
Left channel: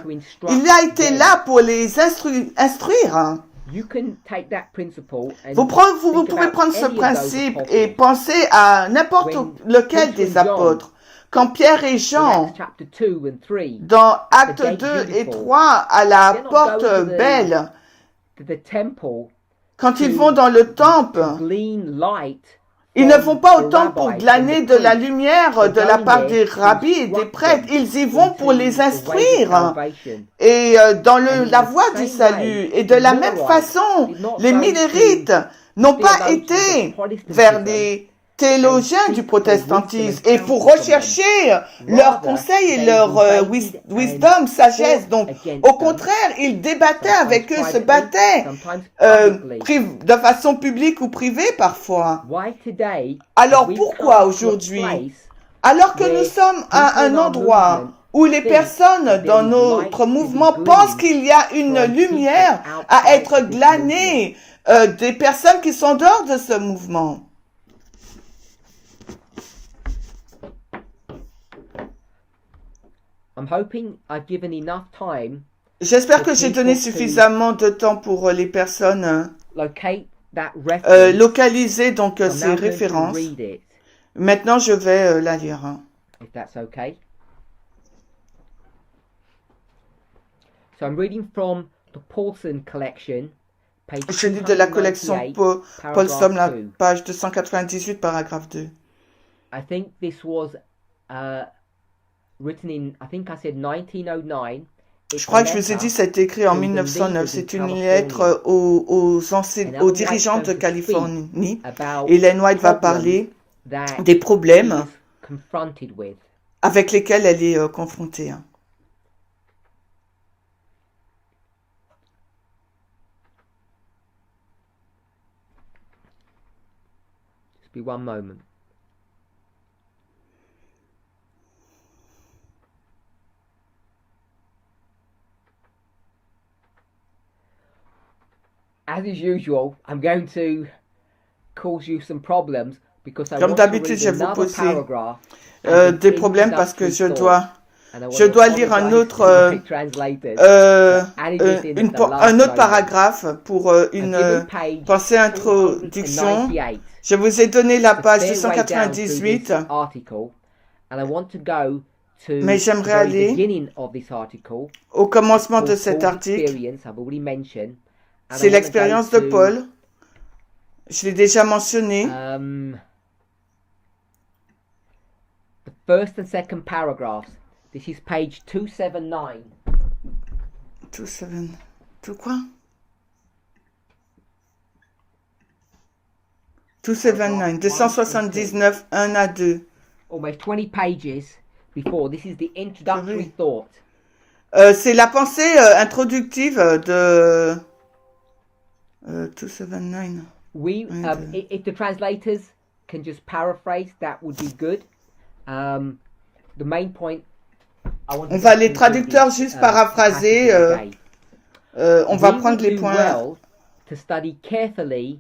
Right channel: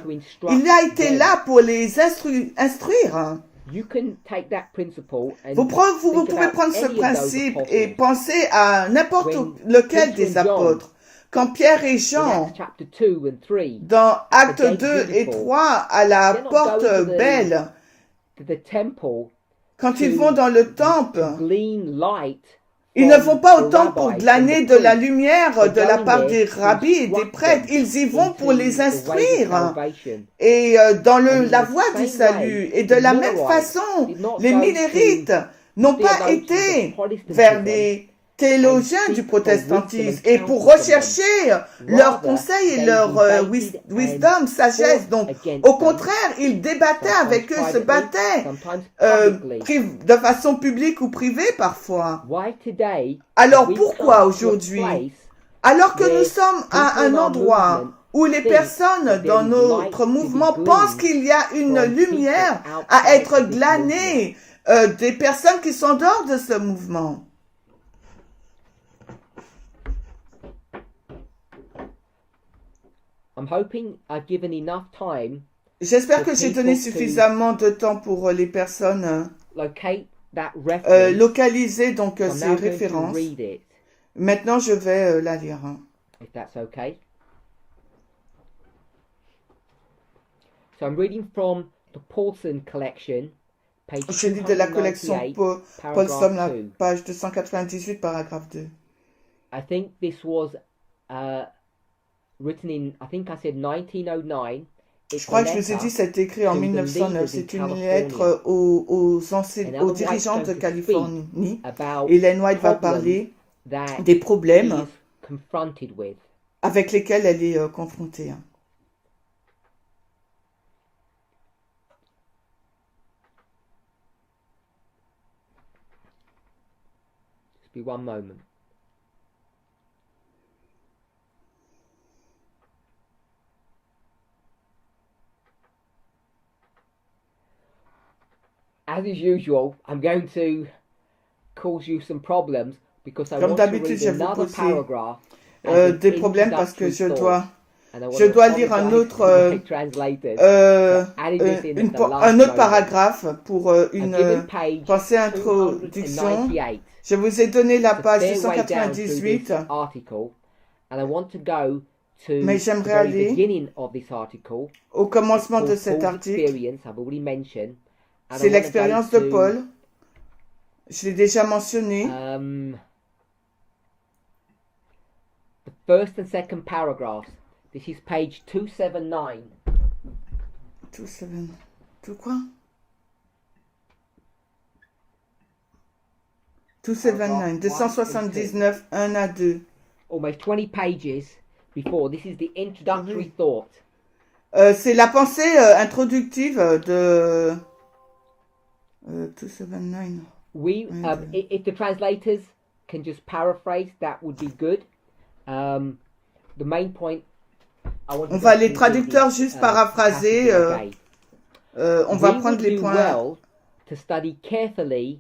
Il a été là pour les instruire. Vous pouvez prendre ce principe et penser à n'importe lequel des apôtres. Quand Pierre et Jean, dans Actes 2 et 3, à la porte belle, quand ils vont dans le temple, ils ne vont pas au temple pour glaner de la lumière de la part des rabbis et des prêtres. Ils y vont pour les instruire et dans la voie du salut. Et de la même façon, les Millérites n'ont pas été vers les théologiens du protestantisme et pour rechercher leurs conseils et leur wisdom, sagesse. Donc, au contraire, ils débattaient avec eux, se battaient de façon publique ou privée parfois. Alors, pourquoi aujourd'hui, alors que nous sommes à un endroit où les personnes dans notre mouvement pensent qu'il y a une lumière à être glanée des personnes qui sont dehors de ce mouvement? J'espère que j'ai donné suffisamment de temps pour les personnes localiser donc ces références. Maintenant, je vais la lire. If that's okay. So I'm reading from the Paulson collection, page Je lis de la collection Paulson, la page 298, paragraphe 2. I think this was written in, I think I said 1909. Je crois que je vous ai dit, c'est écrit en 1909. C'est une lettre aux dirigeants de Californie. Ellen White va parler des problèmes avec lesquels elle est confrontée. Just be one moment. As is usual, I'm going to cause you some problems because I want to read another paragraph. Des problèmes parce que je dois lire un autre paragraphe pour une pensée introduction. Je vous ai donné la page 298, mais j'aimerais aller au commencement de cet article. C'est l'expérience de Paul. Je l'ai déjà mentionné. The first and second paragraphs. This is page 279. 279, 279, 1 à 2. Almost 20 pages before. This is the introductory thought. C'est la pensée introductive de 279. If the translators can just paraphrase, that would be good. The main point. On va les traducteurs juste paraphraser. On va prendre les points. Well to study carefully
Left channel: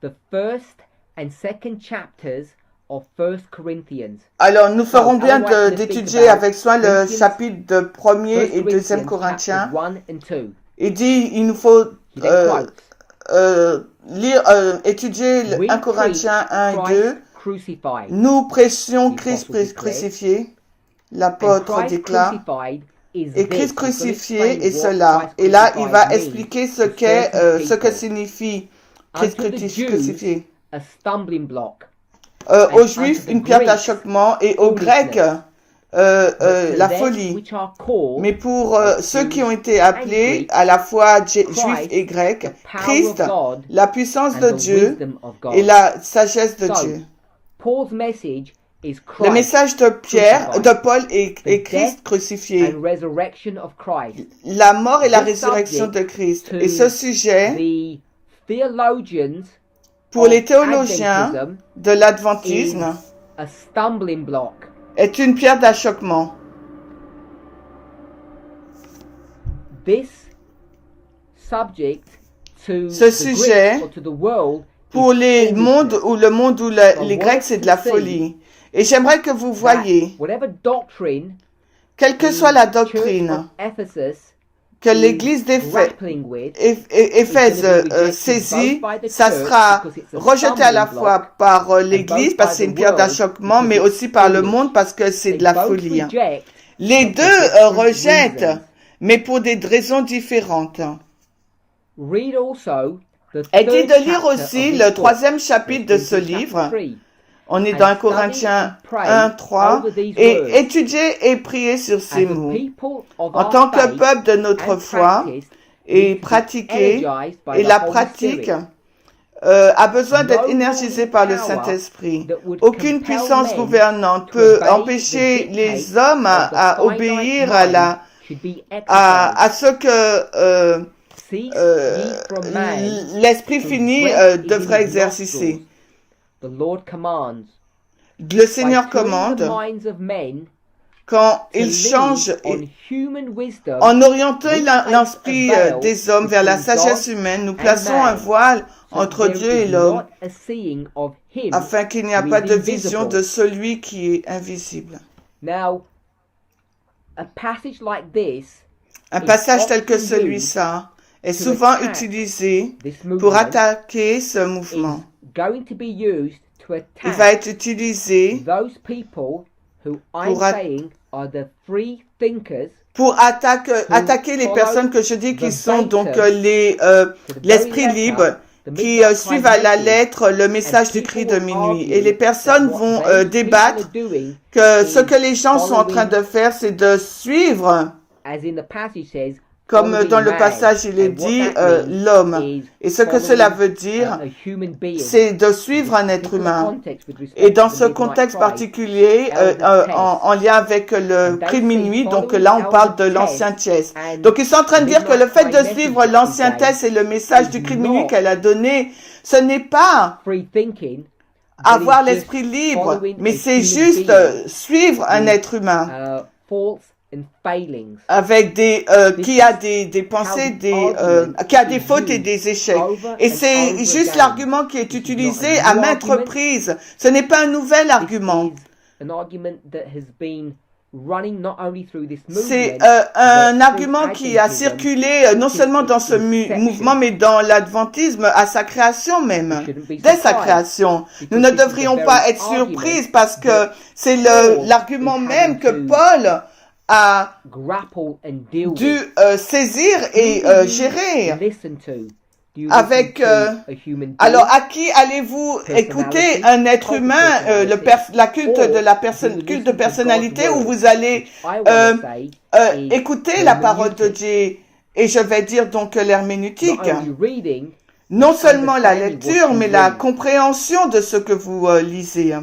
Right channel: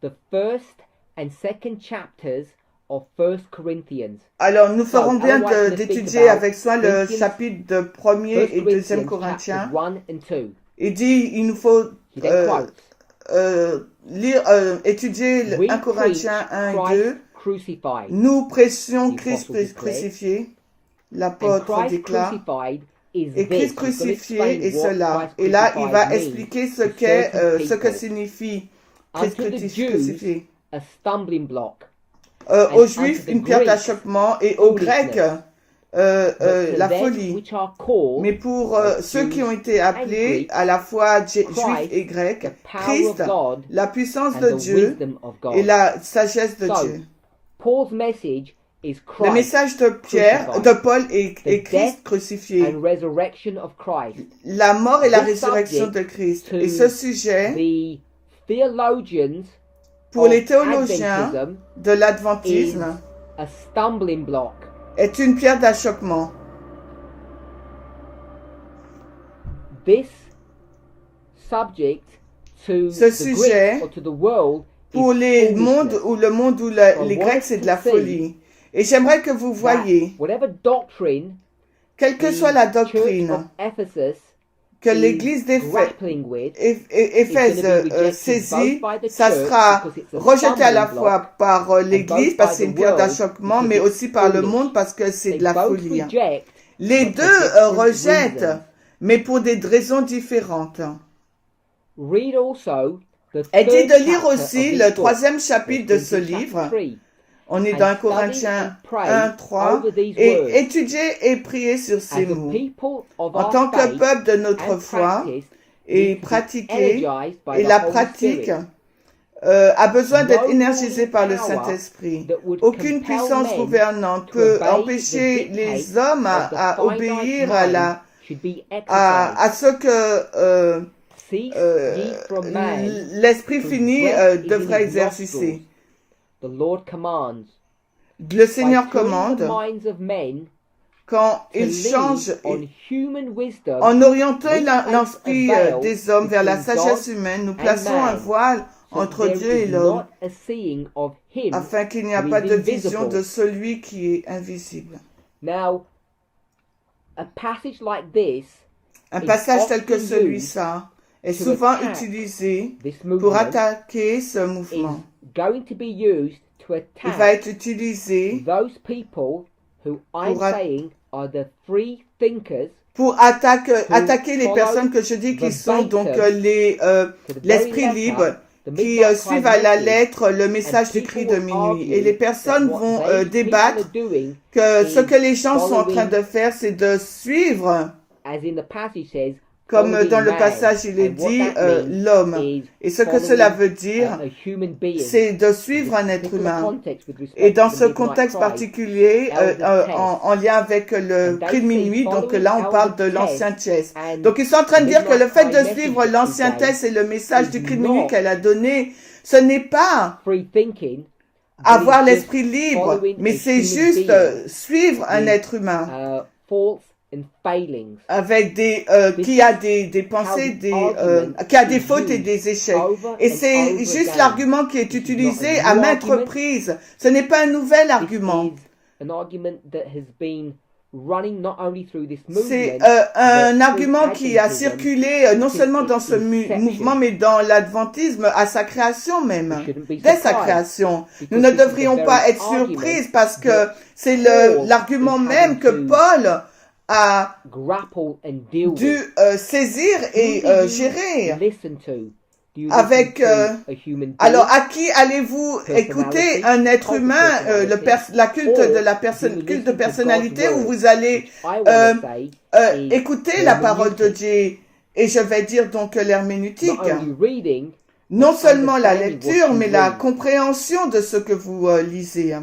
the first and second chapters of 1 Corinthians. Alors, nous ferons bien d'étudier avec soin le chapitre de 1er et 2e Corinthiens. Il dit, il nous faut étudier 1 Corinthiens 1 et 2. Nous prêchions Christ crucifié, l'apôtre déclare. Et Christ crucifié est cela. Et là, il va expliquer ce que signifie Christ crucifié. Aux Juifs, une pierre d'achoppement, et aux Grecs, la folie. Mais pour ceux qui ont été appelés à la fois Juifs et Grecs, Christ, la puissance de Dieu et la sagesse de Dieu. Le message de Paul est Christ crucifié, la mort et la résurrection de Christ. Et ce sujet, pour les théologiens de l'adventisme, est une pierre d'achoppement. Ce sujet, pour le monde où les Grecs, c'est de la folie. Et j'aimerais que vous voyiez, quelle que soit la doctrine que l'Église d'Éphèse saisit, ça sera rejeté à la fois par l'Église parce que c'est une pierre d'achoppement, mais aussi par le monde parce que c'est de la folie. Les deux rejettent, mais pour des raisons différentes. Elle dit de lire aussi le 3e chapitre de ce livre. On est dans 1 Corinthiens 1, 3, et étudier et prier sur ces mots. En tant que peuple de notre foi, et pratiquer, et la pratique a besoin d'être énergisée par le Saint-Esprit. Aucune puissance gouvernante peut empêcher les hommes à obéir à ce que l'Esprit fini devrait exercer. Le Seigneur commande quand il change en orientant l'esprit des hommes vers la sagesse humaine, nous plaçons un voile entre Dieu et l'homme afin qu'il n'y ait pas de vision de celui qui est invisible. Un passage tel que celui-ci est souvent utilisé pour attaquer ce mouvement. Il va être utilisé pour attaquer les personnes que je dis qui sont donc l'esprit libre, qui suivent à la lettre le message du cri de minuit. Et les personnes vont débattre que ce que les gens sont en train de faire, c'est de suivre, comme dans le passage il est dit, l'homme. Et ce que cela veut dire, c'est de suivre un être humain. Et dans ce contexte particulier, en lien avec le cri de minuit, donc là on parle de l'ancien Test. Donc ils sont en train de dire que le fait de suivre l'ancien Test et le message du cri de minuit qu'elle a donné, ce n'est pas avoir l'esprit libre, mais c'est juste suivre un être humain. Avec qui a des pensées, qui a des fautes et des échecs. Et c'est juste l'argument qui est utilisé à maintes reprises. Ce n'est pas un nouvel argument. C'est un argument qui a circulé non seulement dans ce mouvement, mais dans l'adventisme à sa création même, dès sa création. Nous ne devrions pas être surprises parce que c'est l'argument même que Paul a dû saisir et gérer. Avec alors à qui allez-vous écouter, un être humain, la culte de personnalité, ou vous allez écouter la parole de Dieu? Et je vais dire donc l'herméneutique, non seulement la lecture, mais la compréhension de ce que vous lisez.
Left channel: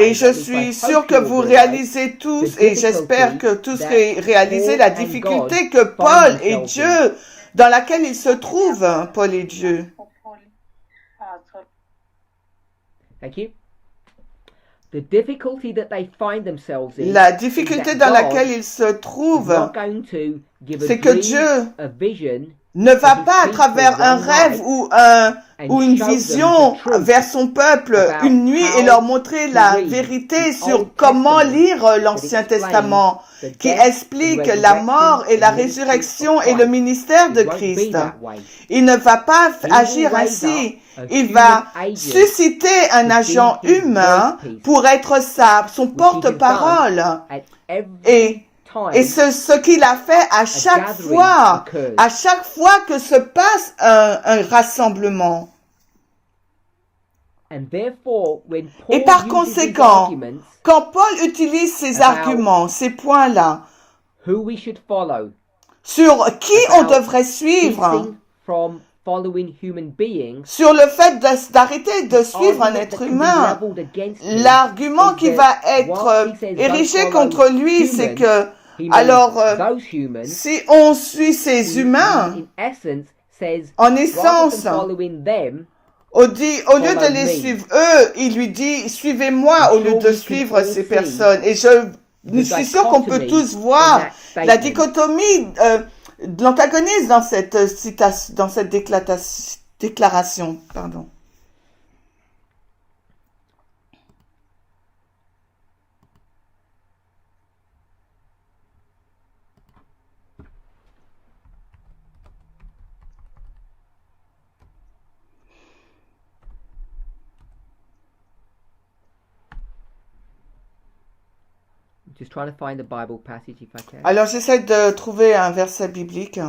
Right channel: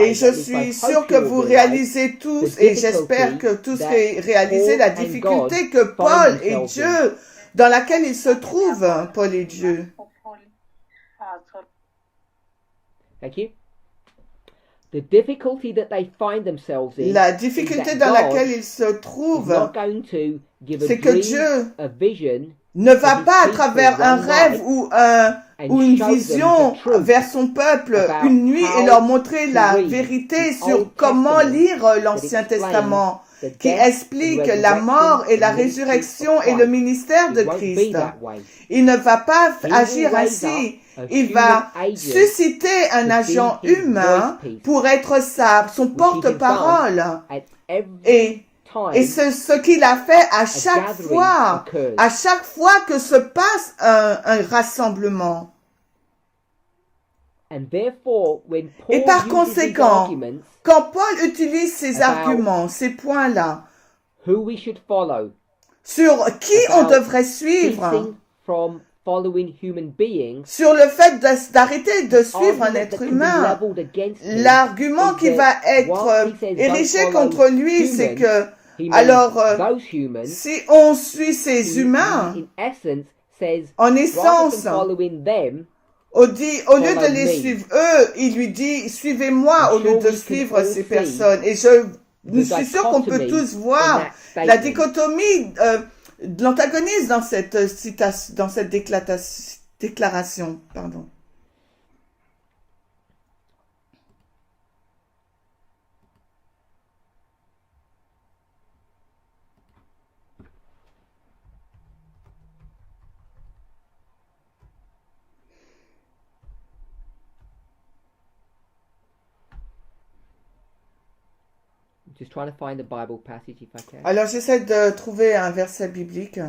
Et je suis sûr que vous réalisez tous, et j'espère que tous réalisez la difficulté que Paul et Dieu, dans laquelle ils se trouvent, Paul et Dieu. La difficulté dans laquelle ils se trouvent c'est que Dieu ne va pas à travers un rêve ou une vision vers son peuple une nuit et leur montrer la vérité sur comment lire l'Ancien Testament, qui explique la mort et la résurrection et le ministère de Christ. Il ne va pas agir ainsi. Il va susciter un agent humain pour être son porte-parole. Et ce qu'il a fait à chaque fois que se passe un rassemblement. Et par conséquent, quand Paul utilise ces arguments, ces points-là, sur qui on devrait suivre, sur le fait d'arrêter de suivre un être humain, l'argument qui va être érigé contre lui, c'est que, alors, si on suit ces humains, en essence, au lieu de les suivre eux, il lui dit, suivez-moi au lieu de suivre ces personnes. Et je suis sûr qu'on peut tous voir la dichotomie, l'antagonisme dans cette déclaration. Pardon. Just trying to find a Bible passage if I can. Alors j'essaie de trouver un verset biblique.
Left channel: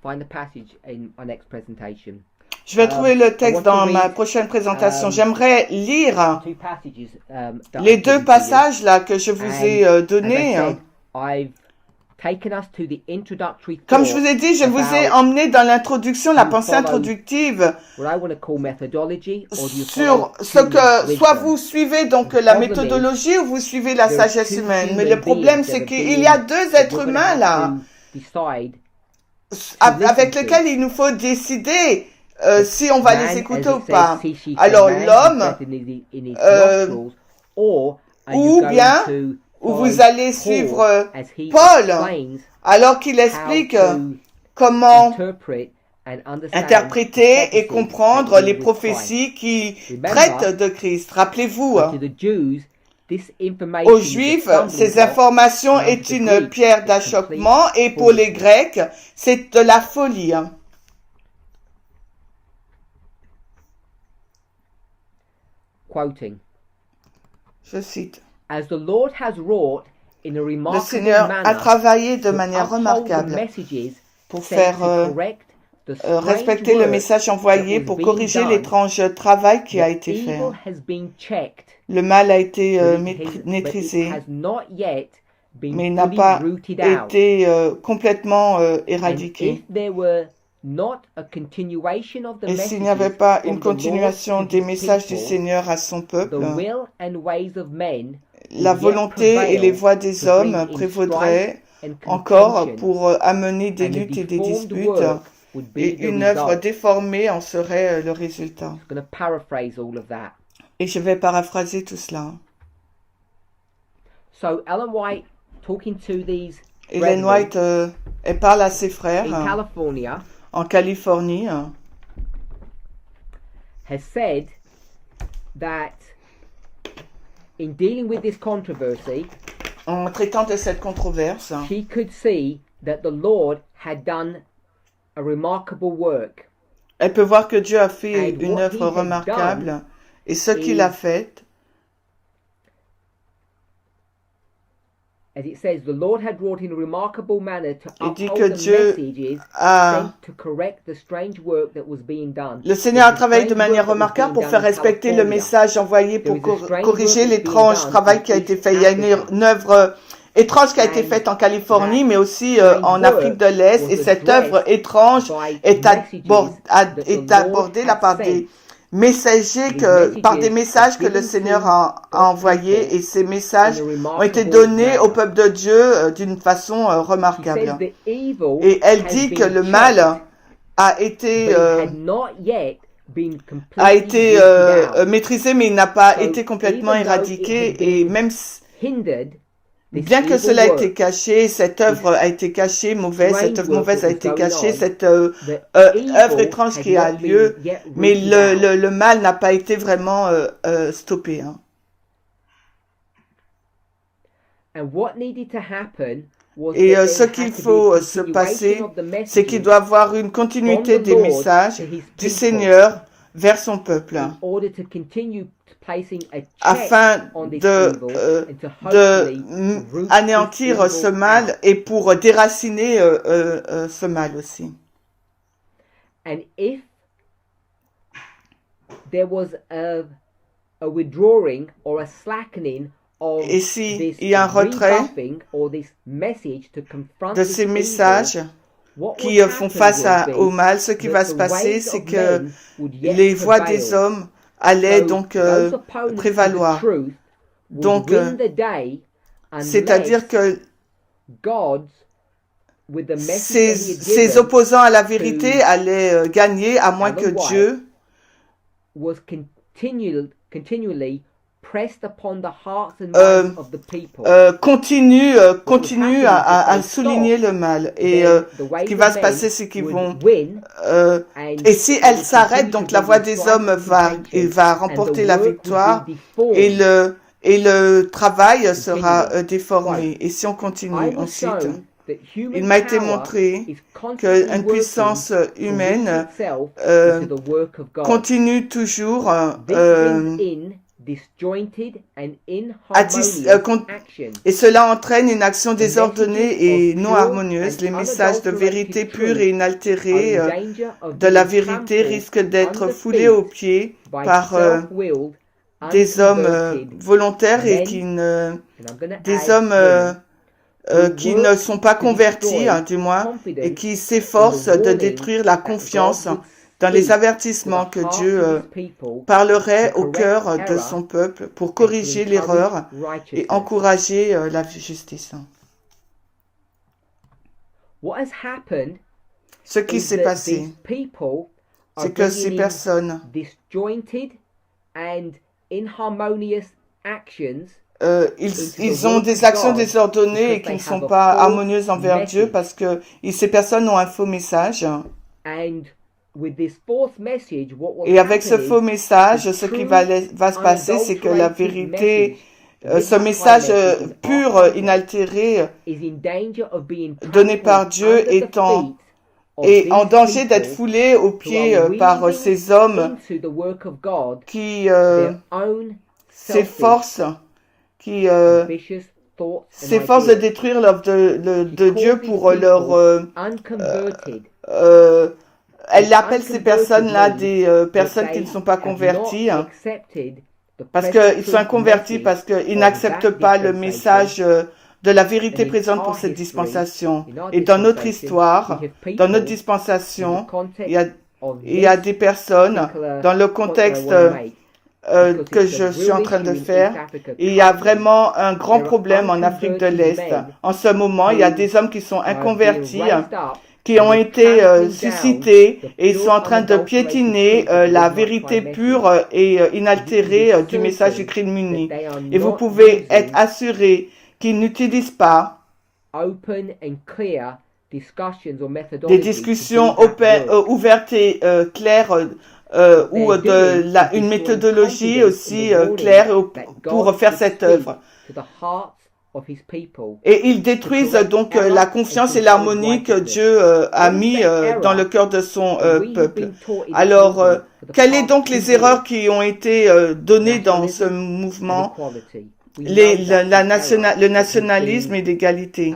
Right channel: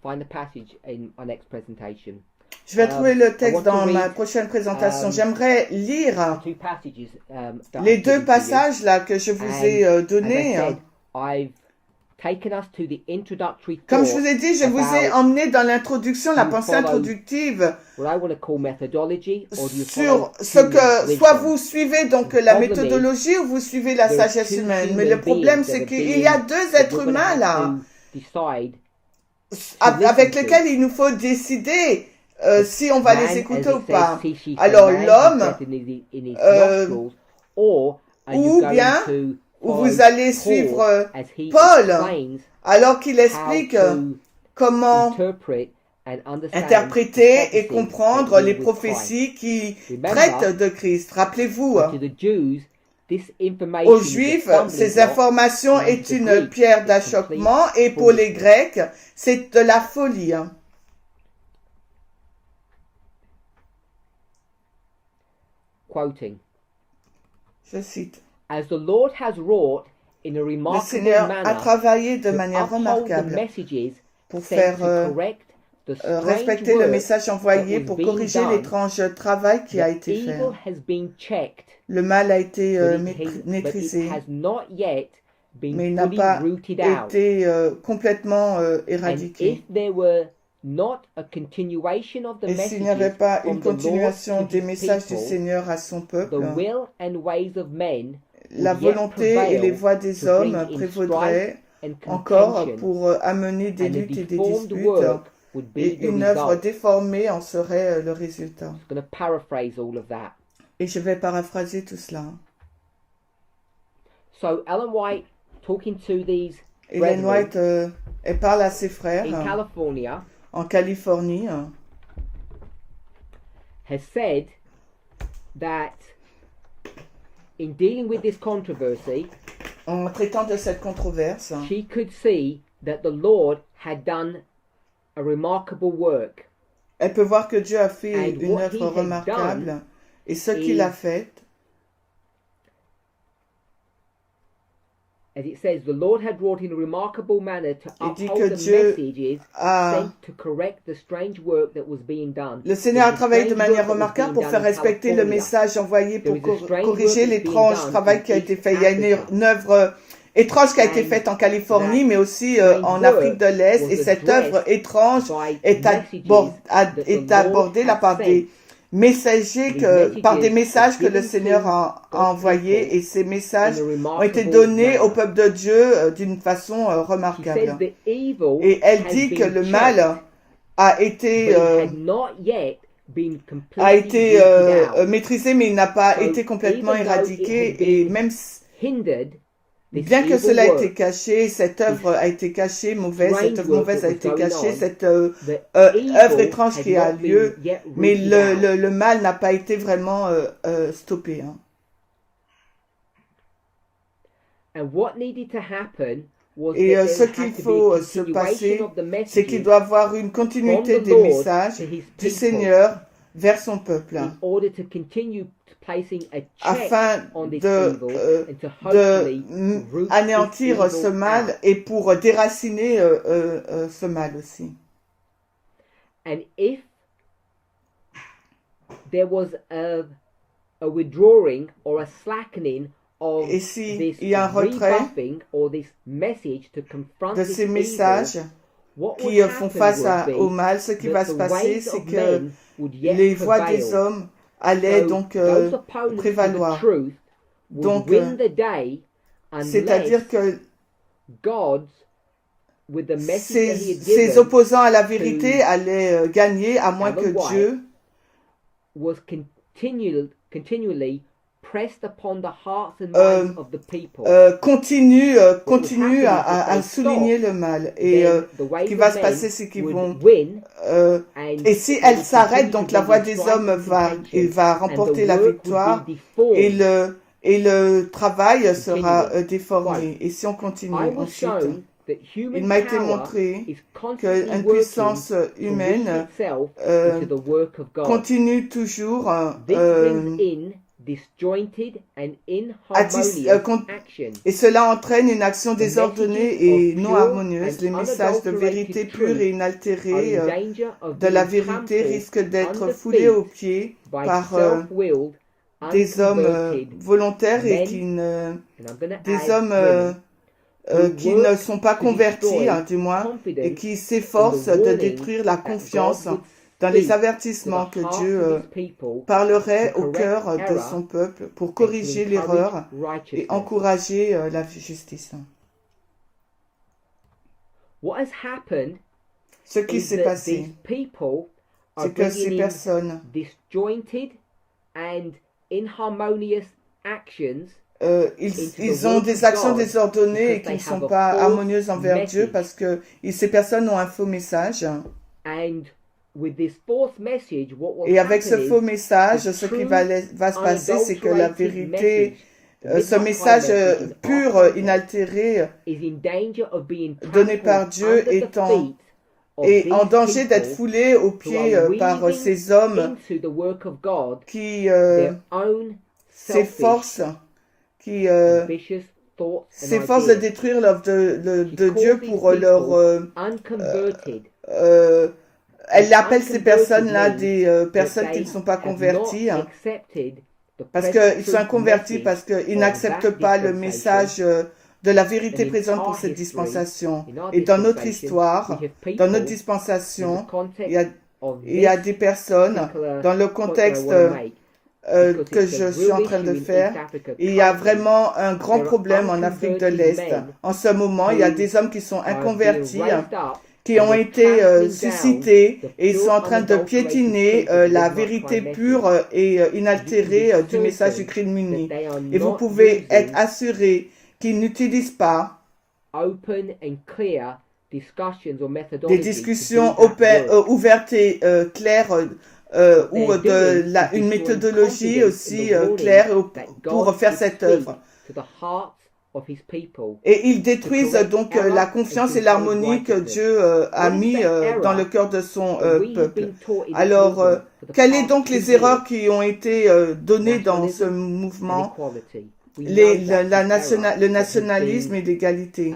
Find the passage in our next presentation. Je vais trouver le texte dans ma prochaine présentation. J'aimerais lire les deux passages là que je vous ai donnés. Comme je vous ai dit, je vous ai emmené dans l'introduction, la pensée introductive, sur ce que soit vous suivez donc la méthodologie ou vous suivez la sagesse humaine. Mais le problème, c'est qu'il y a deux êtres humains là, avec lesquels il nous faut décider si on va les écouter ou pas. Alors l'homme, ou bien vous allez suivre Paul, alors qu'il explique comment interpréter et comprendre les prophéties qui traitent de Christ. Rappelez-vous, aux Juifs, ces informations est une pierre d'achoppement et pour les Grecs, c'est de la folie. Quoting. Je cite. As the Lord has wrought in a Le remarkable Seigneur manner a travaillé de manière remarquable pour faire respecter le message envoyé, pour corriger l'étrange travail qui a été fait. Le mal a été maîtrisé, mais il n'a pas été complètement éradiqué. Et s'il n'y avait pas une continuation des messages du Seigneur à son peuple, la volonté et les voies des hommes prévaudraient encore pour amener des luttes et des disputes, et une œuvre déformée en serait le résultat. Et je vais paraphraser tout cela. Ellen White, elle parle à ses frères en Californie, has said that in dealing with this controversy, en traitant de cette controverse, she could see that the Lord had done a remarkable work. Elle peut voir que Dieu a fait une œuvre remarquable, et ce qu'il a fait, as it says, the Lord had wrought in a remarkable manner to uphold the messages sent to correct the strange work that was being done. Le Seigneur a travaillé de manière remarquable pour faire respecter le message envoyé pour corriger l'étrange travail qui a été fait. Il y a une œuvre étrange qui a été faite en Californie, mais aussi en Afrique de l'Est, et cette œuvre étrange est abordée là par des messagers par des messages que le Seigneur a envoyés, et ces messages ont été donnés au peuple de Dieu d'une façon remarquable. Et elle dit que le mal a été maîtrisé, mais il n'a pas été complètement éradiqué, et même bien que cela ait été caché, cette œuvre a été cachée, cette œuvre mauvaise a été cachée, cette œuvre étrange qui a lieu, mais le mal n'a pas été vraiment stoppé. Hein. Et ce qu'il faut se passer, c'est qu'il doit y avoir une continuité des messages du Seigneur vers son peuple, afin de anéantir ce mal et pour déraciner ce mal aussi. And if there was a withdrawing or a slackening of et s'il y a un retrait de ces messages qui font face au mal, ce qui va se passer, c'est que les voix des hommes allaient donc prévaloir. Donc, c'est-à-dire que ces opposants à la vérité allaient gagner, à moins que Dieu continue à souligner le mal. Et ce qui va se passer, c'est qu'ils vont... et si elle s'arrête, donc la voix des hommes va remporter la victoire, et le travail sera déformé. Et si on continue ensuite, il m'a été montré qu'une puissance humaine continue toujours et cela entraîne une action désordonnée et non harmonieuse. Les messages de vérité pure et inaltérée de la vérité risquent d'être foulés aux pieds par des hommes volontaires et des hommes qui ne sont pas convertis, du moins, et qui s'efforcent de détruire la confiance dans les avertissements que Dieu parlerait au cœur de son peuple pour corriger l'erreur et encourager la justice. Ce qui s'est passé, c'est que ces personnes ils ont des actions désordonnées et qui ne sont pas harmonieuses envers Dieu parce que ces personnes ont un faux message. Et avec ce faux message, ce qui va se passer, c'est que la vérité, ce message pur, inaltéré, donné par Dieu, est en danger d'être foulé aux pieds par ces hommes qui s'efforcent de détruire l'œuvre de Dieu pour leur... elle appelle ces personnes-là des personnes qui ne sont pas converties, parce qu'ils sont inconvertis, parce qu'ils n'acceptent pas le message de la vérité présente pour cette dispensation. Et dans notre histoire, dans notre dispensation, il y a des personnes, dans le contexte que je suis en train de faire, il y a vraiment un grand problème en Afrique de l'Est. En ce moment, il y a des hommes qui sont inconvertis, qui ont été suscités et ils sont en train de piétiner la vérité pure et inaltérée du message du Christ muni. Et vous pouvez être assurés qu'ils n'utilisent pas des discussions ouvertes et claires ou une méthodologie aussi claire pour faire cette œuvre. Et ils détruisent donc la confiance et l'harmonie que Dieu a mis dans le cœur de son peuple. Alors, quelles sont donc les erreurs qui ont été données dans ce mouvement? Le nationalisme et l'égalité.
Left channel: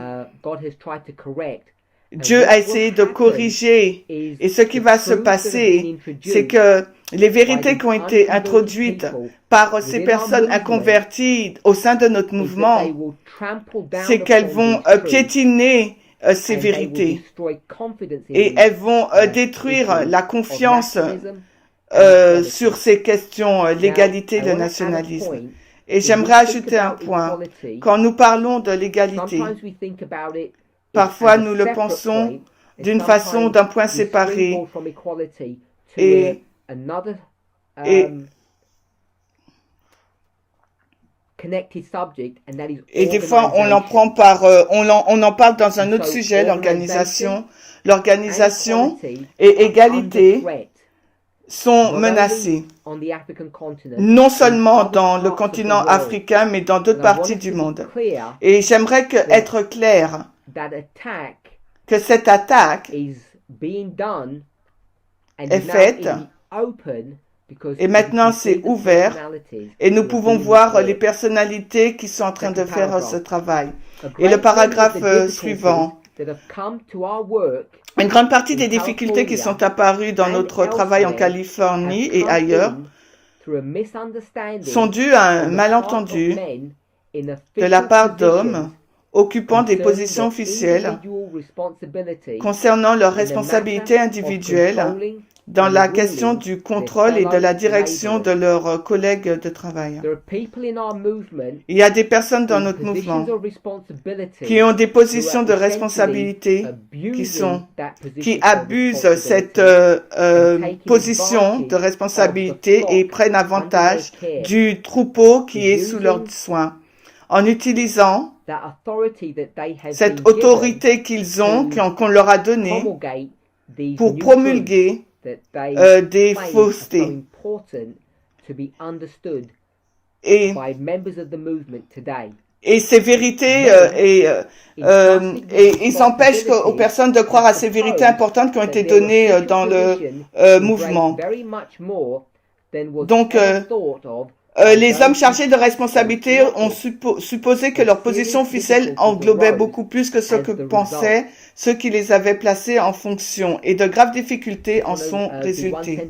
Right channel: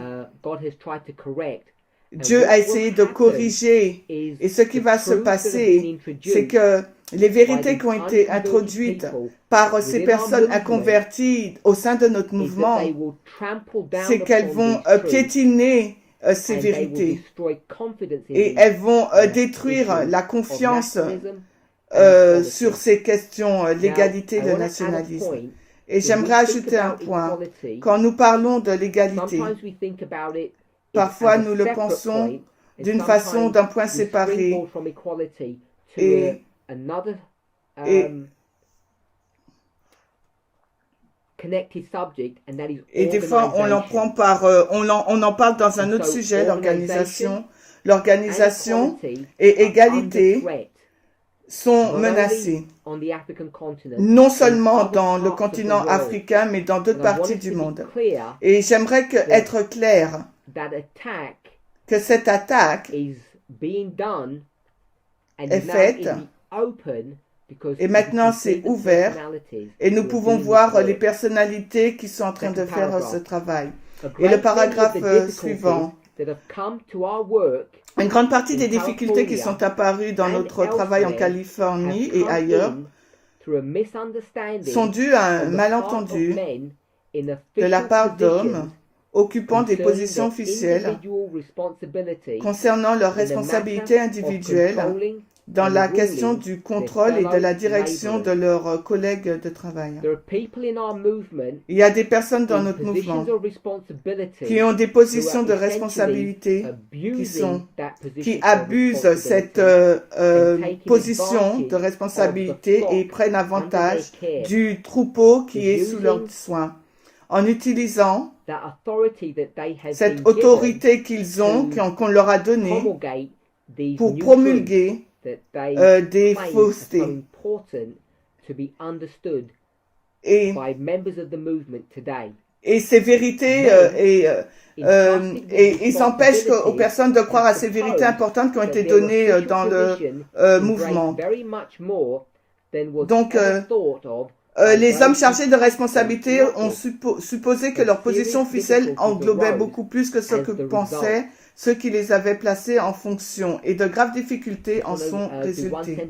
Dieu a essayé de corriger, et ce qui va se passer, c'est que les vérités qui ont été introduites par ces personnes inconverties au sein de notre mouvement, c'est qu'elles vont piétiner ces vérités et elles vont détruire la confiance sur ces questions, l'égalité et le nationalisme. Et j'aimerais ajouter un point. Quand nous parlons de l'égalité, parfois nous le pensons d'une façon, d'un point séparé. Et des fois, on en prend on en parle dans un autre sujet, l'organisation. L'organisation et égalité sont menacées, non seulement dans le continent africain, mais dans d'autres parties du monde. Et j'aimerais être clair que cette attaque est faite et maintenant c'est ouvert et nous pouvons voir les personnalités qui sont en train de faire ce travail. Et le paragraphe suivant. Une grande partie des difficultés qui sont apparues dans notre travail en Californie et ailleurs sont dues à un malentendu de la part d'hommes occupant des positions officielles concernant leurs responsabilités individuelles dans la question du contrôle et de la direction de leurs collègues de travail. Il y a des personnes dans notre mouvement qui ont des positions de responsabilité qui abusent cette position de responsabilité et prennent avantage du troupeau qui est sous leurs soins en utilisant cette autorité qu'ils ont, qu'on leur a donnée pour promulguer des faussetés. Et ces vérités, ils empêchent aux personnes de croire à ces vérités importantes qui ont été données dans le mouvement. Donc, les hommes chargés de responsabilité ont supposé que leur position officielle englobait beaucoup plus que ce que pensaient ceux qui les avaient placés en fonction, et de graves difficultés en sont résultées.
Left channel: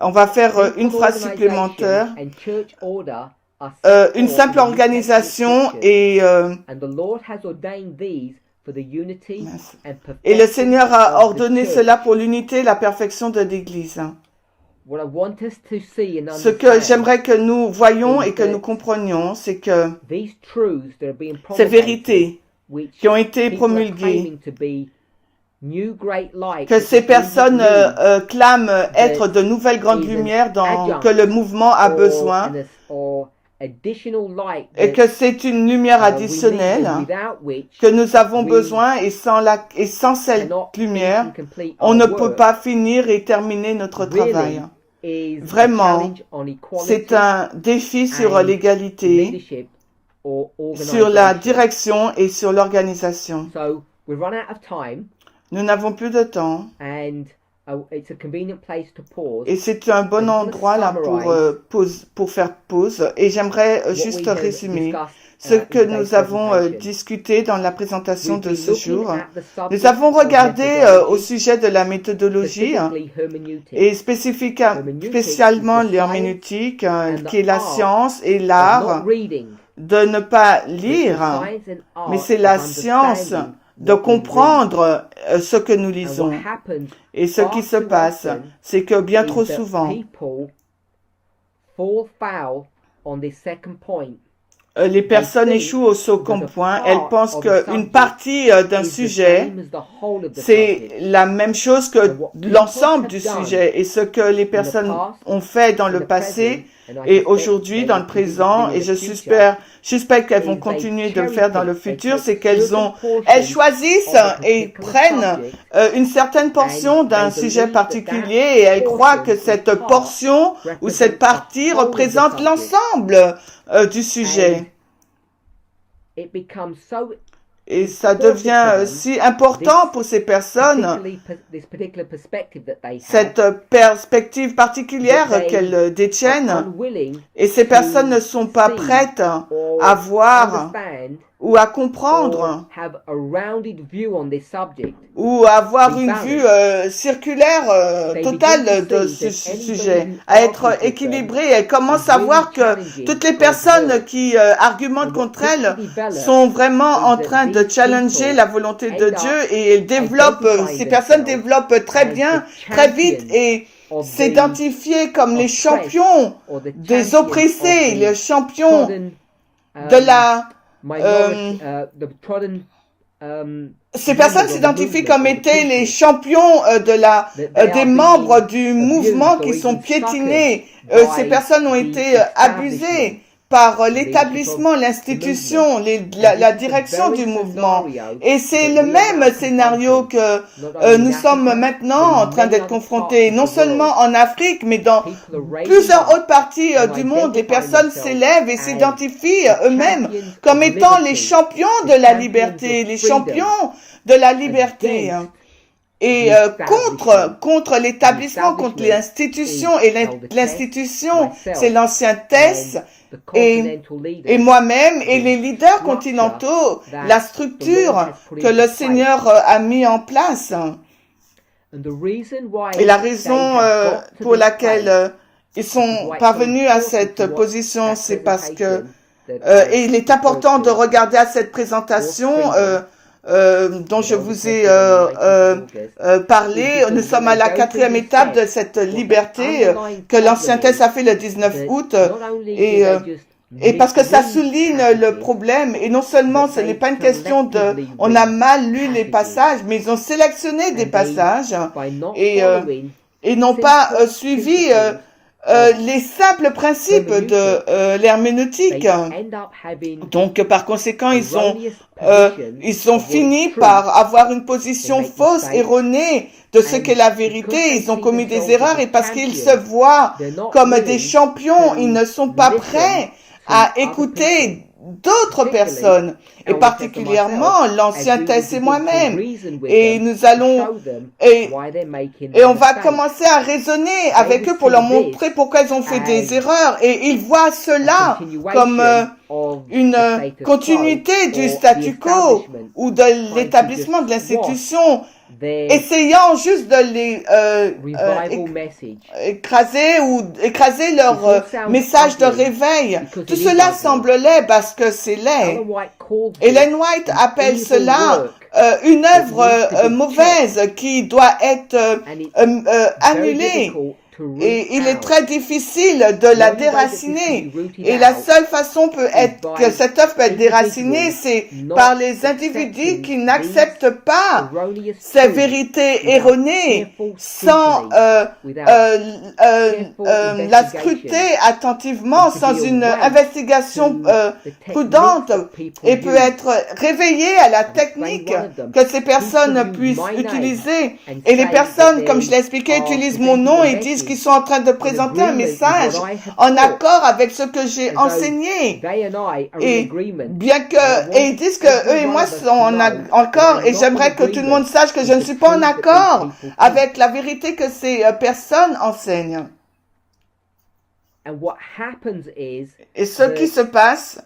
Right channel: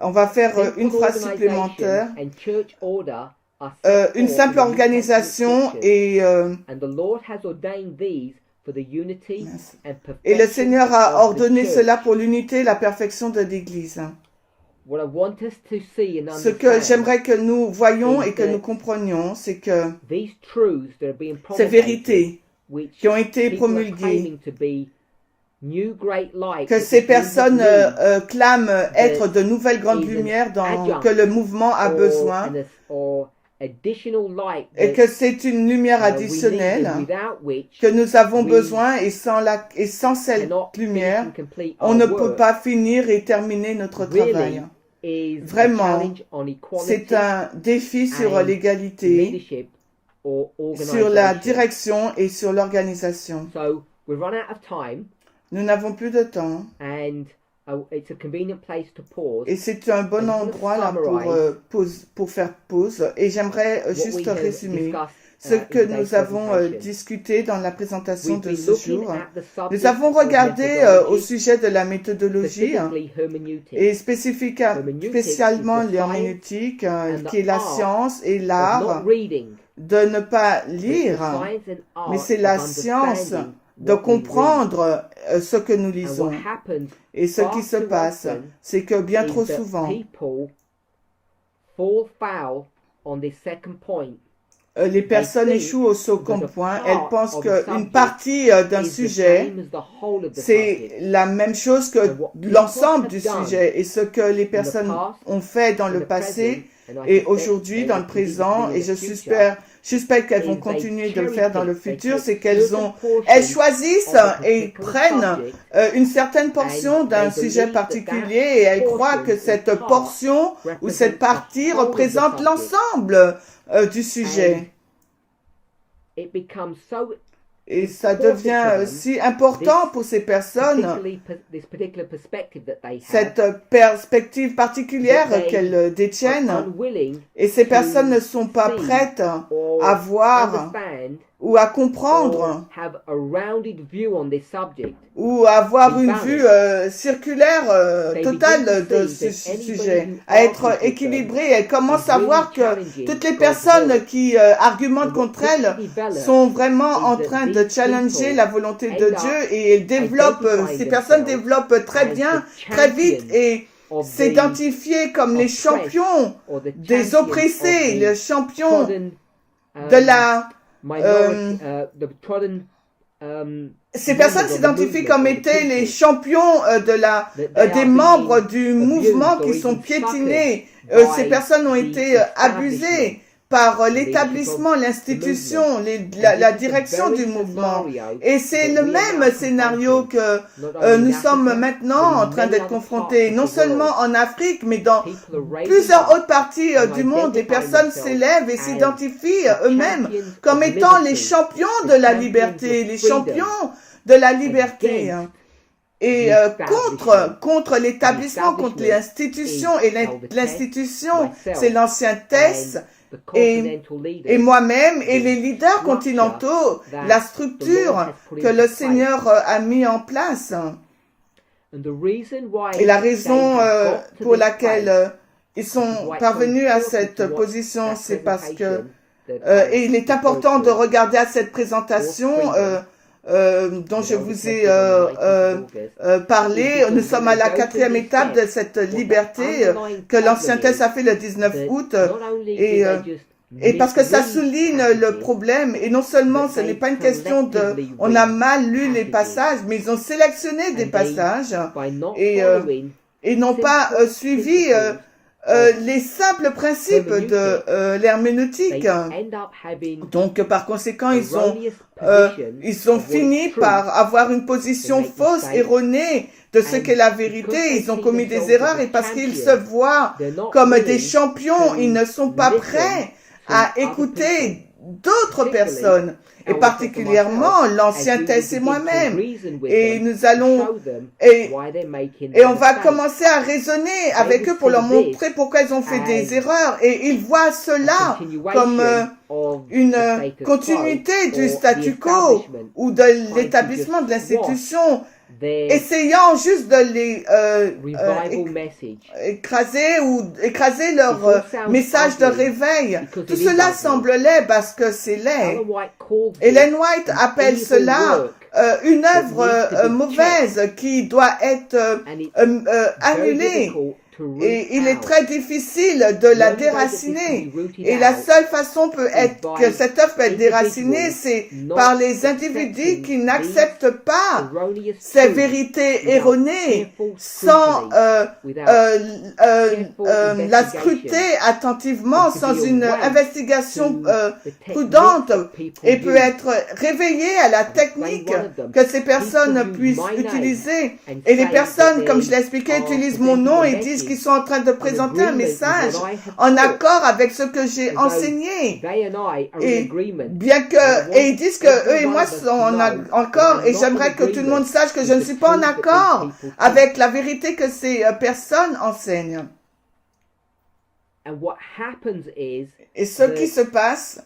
On va faire une phrase supplémentaire. Une simple organisation et le Seigneur a ordonné cela pour l'unité et la perfection de l'Église. Ce que j'aimerais que nous voyions et que nous comprenions, c'est que ces vérités qui ont été promulguées, que ces personnes clament être de nouvelles grandes lumières que le mouvement a besoin, et que c'est une lumière additionnelle que nous avons besoin, et sans cette lumière, on ne peut pas finir et terminer notre travail. Vraiment, c'est un défi sur l'égalité, sur la direction et sur l'organisation. Nous n'avons plus de temps. Et c'est un bon endroit là pour faire pause. Et j'aimerais juste résumer ce que nous avons discuté dans la présentation de ce jour. Nous avons regardé au sujet de la méthodologie et spécialement l'herméneutique, qui est la science et l'art de ne pas lire, mais c'est la science de comprendre ce que nous lisons. Et ce qui se passe, c'est que bien trop souvent, les personnes échouent au second point. Elles pensent qu'une partie d'un sujet, c'est la même chose que l'ensemble du sujet. Et ce que les personnes ont fait dans le passé et aujourd'hui, dans le présent, et j'espère qu'elles vont continuer de le faire dans le futur, c'est qu'elles choisissent et prennent une certaine portion d'un sujet particulier, et elles croient que cette portion ou cette partie représente l'ensemble du sujet. Et ça devient si important pour ces personnes, cette perspective particulière qu'elles détiennent, et ces personnes ne sont pas prêtes à voir ou à comprendre ou à avoir une vue circulaire totale de ce sujet, à être équilibrées. Elles commencent à voir que toutes les personnes qui argumentent contre elles sont vraiment en train de challenger la volonté de Dieu, et elles développent, ces personnes développent très bien, très vite, et s'identifier comme les champions des oppressés, les champions de la... ces personnes s'identifient comme étaient les champions des membres du mouvement qui sont piétinés. Ces personnes ont été abusées par l'établissement, l'institution, la direction du mouvement. Et c'est le même scénario que nous sommes maintenant en train d'être confrontés, non seulement en Afrique, mais dans plusieurs autres parties du monde. Des personnes s'élèvent et s'identifient eux-mêmes comme étant les champions de la liberté, les champions de la liberté. Et contre l'établissement, contre l'institution, et l'institution, c'est l'ancien test, et moi-même, et les leaders continentaux, la structure que le Seigneur a mis en place. Et la raison pour laquelle ils sont parvenus à cette position, c'est parce que, et il est important de regarder à cette présentation, dont je vous ai parlé. Nous sommes à la 4e étape de cette liberté que l'Ancien Test a fait le 19 août. Et parce que ça souligne le problème. Et non seulement ce n'est pas une question de on a mal lu les passages, mais ils ont sélectionné des passages et n'ont pas suivi les simples principes de l'herméneutique. Donc, par conséquent, ils ont fini par avoir une position fausse, erronée de ce qu'est la vérité. Ils ont commis des erreurs et parce qu'ils se voient comme des champions, ils ne sont pas prêts à écouter d'autres personnes, et particulièrement l'Ancien Test et moi-même. Et nous allons, et on va commencer à raisonner avec eux pour leur montrer pourquoi ils ont fait des erreurs. Et ils voient cela comme une continuité du statu quo ou de l'établissement de l'institution, essayant juste de les écraser leur message de réveil. Tout cela semble laid parce que c'est laid. Ellen White appelle cela une œuvre mauvaise qui doit être annulée. Et il est très difficile de la déraciner. Et la seule façon que cette œuvre peut être déracinée, c'est par les individus qui n'acceptent pas ces vérités erronées sans la scruter attentivement, sans une investigation prudente, et peut être réveillée à la technique que ces personnes puissent utiliser. Et les personnes, comme je l'ai expliqué, utilisent mon nom et disent qu'ils sont en train de présenter un message en accord avec ce que j'ai enseigné. Et bien que, et ils disent que eux et moi sont en accord, et j'aimerais que tout le monde sache que je ne suis pas en accord avec la vérité que ces personnes enseignent. Et ce qui se passe,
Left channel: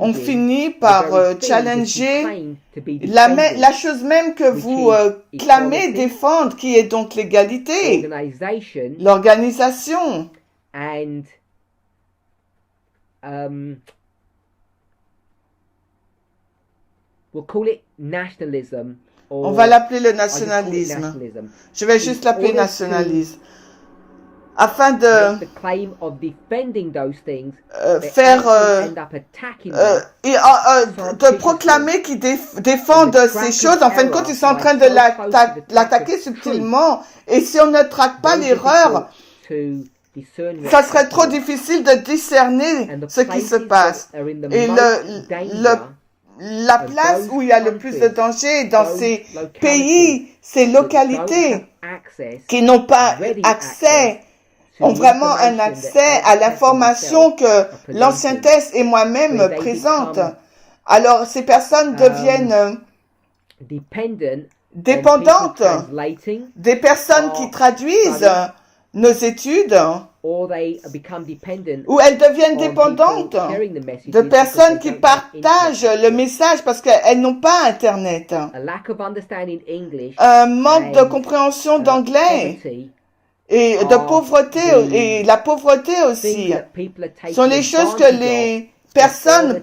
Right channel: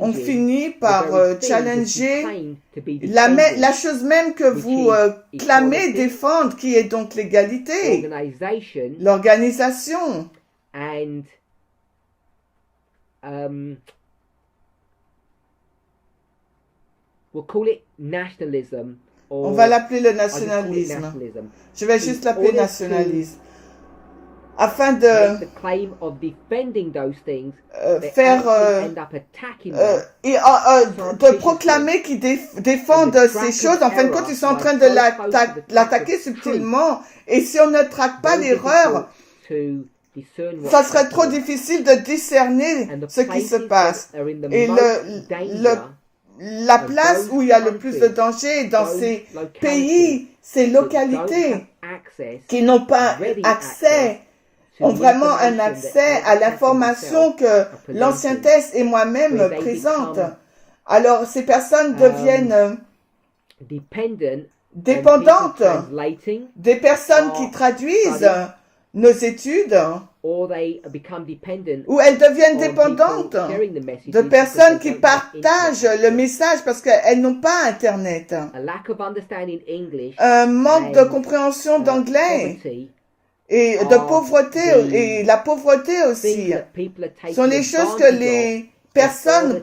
on finit par challenger la chose même que vous clamez défendre, qui est donc l'égalité, l'organisation. On va l'appeler le nationalisme. Je vais juste l'appeler nationalisme. Afin de de proclamer qu'ils défendent ces choses. En fin de compte, ils sont en train de l'attaquer subtilement. Et si on ne traque pas l'erreur, ça serait trop difficile de discerner ce qui se passe. Et la place où il y a le plus de danger dans ces pays, ces localités qui n'ont pas accès, ont vraiment un accès à l'information que l'Ancien Test et moi-même présente. Alors, ces personnes deviennent dépendantes des personnes qui traduisent nos études, ou elles deviennent dépendantes de personnes qui partagent le message parce qu'elles n'ont pas Internet. Un manque de compréhension d'anglais et de pauvreté, et la pauvreté aussi, sont les choses que les personnes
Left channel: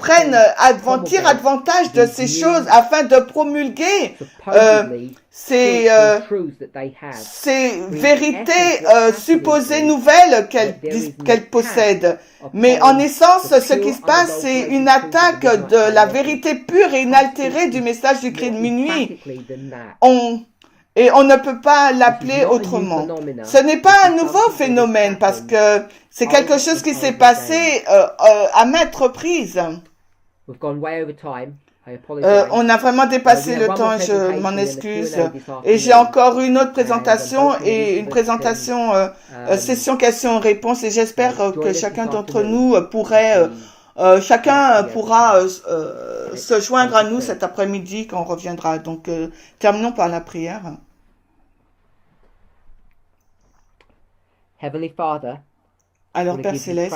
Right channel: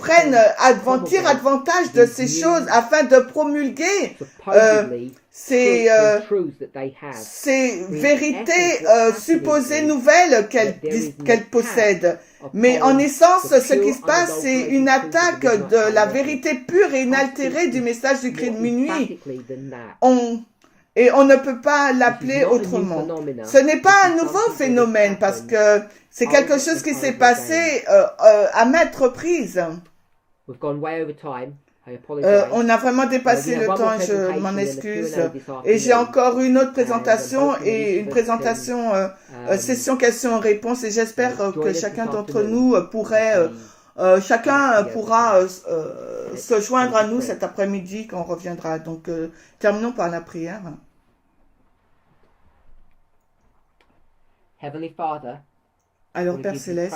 tirent avantage de ces choses afin de promulguer ces vérités supposées nouvelles qu'elles possèdent. Mais en essence, ce qui se passe, c'est une attaque de la vérité pure et inaltérée du message du cri de minuit. Et on ne peut pas l'appeler autrement. Ce n'est pas un nouveau phénomène parce que c'est quelque chose qui s'est passé à maintes reprises. On a vraiment dépassé le temps, je m'en excuse. Et j'ai encore une autre présentation et une présentation session questions-réponses et j'espère que chacun d'entre nous chacun pourra se joindre à nous cet après-midi quand on reviendra. Donc, terminons par la prière. Heavenly Father, alors, Père Céleste,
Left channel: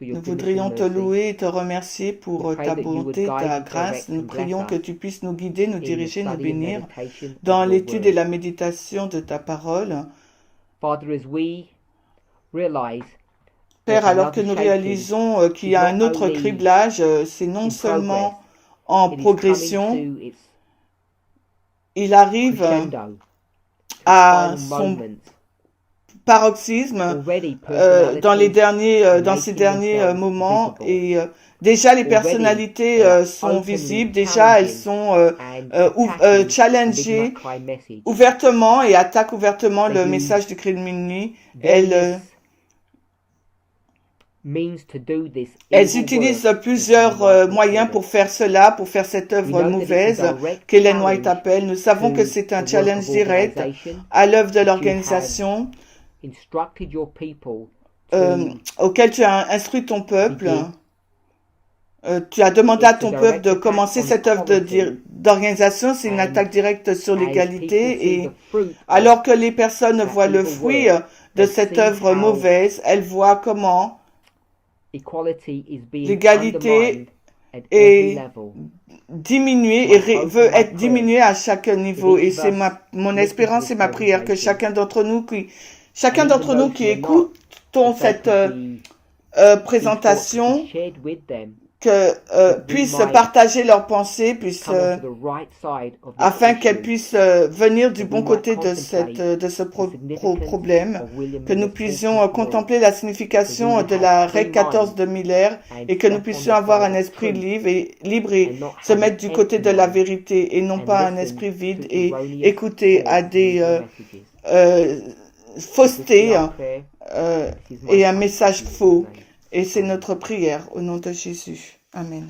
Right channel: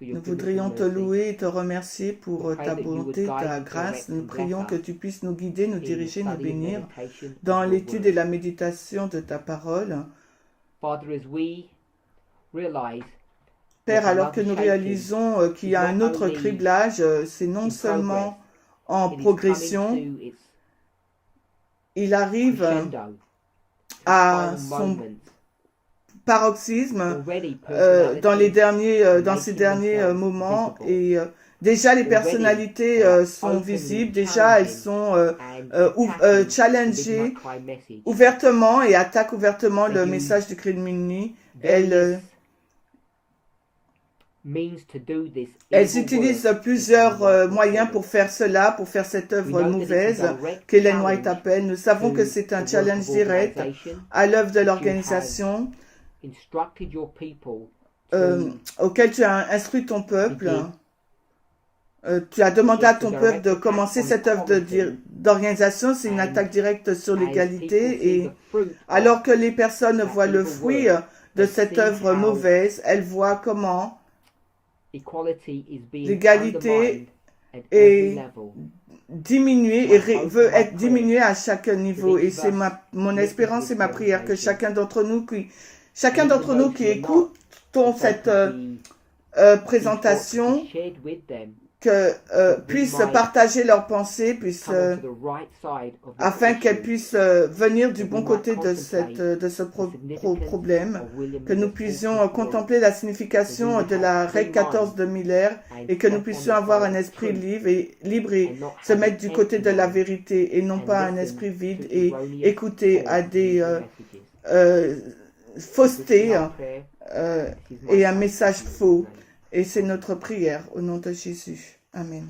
nous voudrions te louer et te remercier pour ta bonté, ta grâce. Nous prions que tu puisses nous guider, nous diriger, nous bénir dans l'étude et la méditation de ta parole. Père, alors que nous réalisons qu'il y a un autre criblage, c'est non seulement en progression, il arrive à son paroxysme dans ces derniers moments et déjà les personnalités sont visibles, déjà elles sont challengées ouvertement et attaquent ouvertement le message du cri de minuit. Elles utilisent plusieurs moyens pour faire cela, pour faire cette œuvre mauvaise qu'Ellen White appelle. Nous savons que c'est un challenge direct à l'œuvre de l'organisation auquel tu as instruit ton peuple. Tu as demandé à ton peuple de commencer cette œuvre d'organisation. C'est une attaque directe sur l'égalité. Et alors que les personnes voient le fruit de cette œuvre mauvaise, elles voient comment l'égalité est diminuée et veut être diminuée à chaque niveau. Et c'est mon espérance et ma prière que chacun d'entre nous qui écoutons cette présentation puissent partager leurs pensées, afin qu'elles puissent venir du bon côté de ce problème, que nous puissions contempler la signification de la règle 14 de Miller et que nous puissions avoir un esprit libre et se mettre du côté de la vérité et non pas un esprit vide et écouter à des faussetés et un message faux. Et c'est notre prière au nom de Jésus. Amen.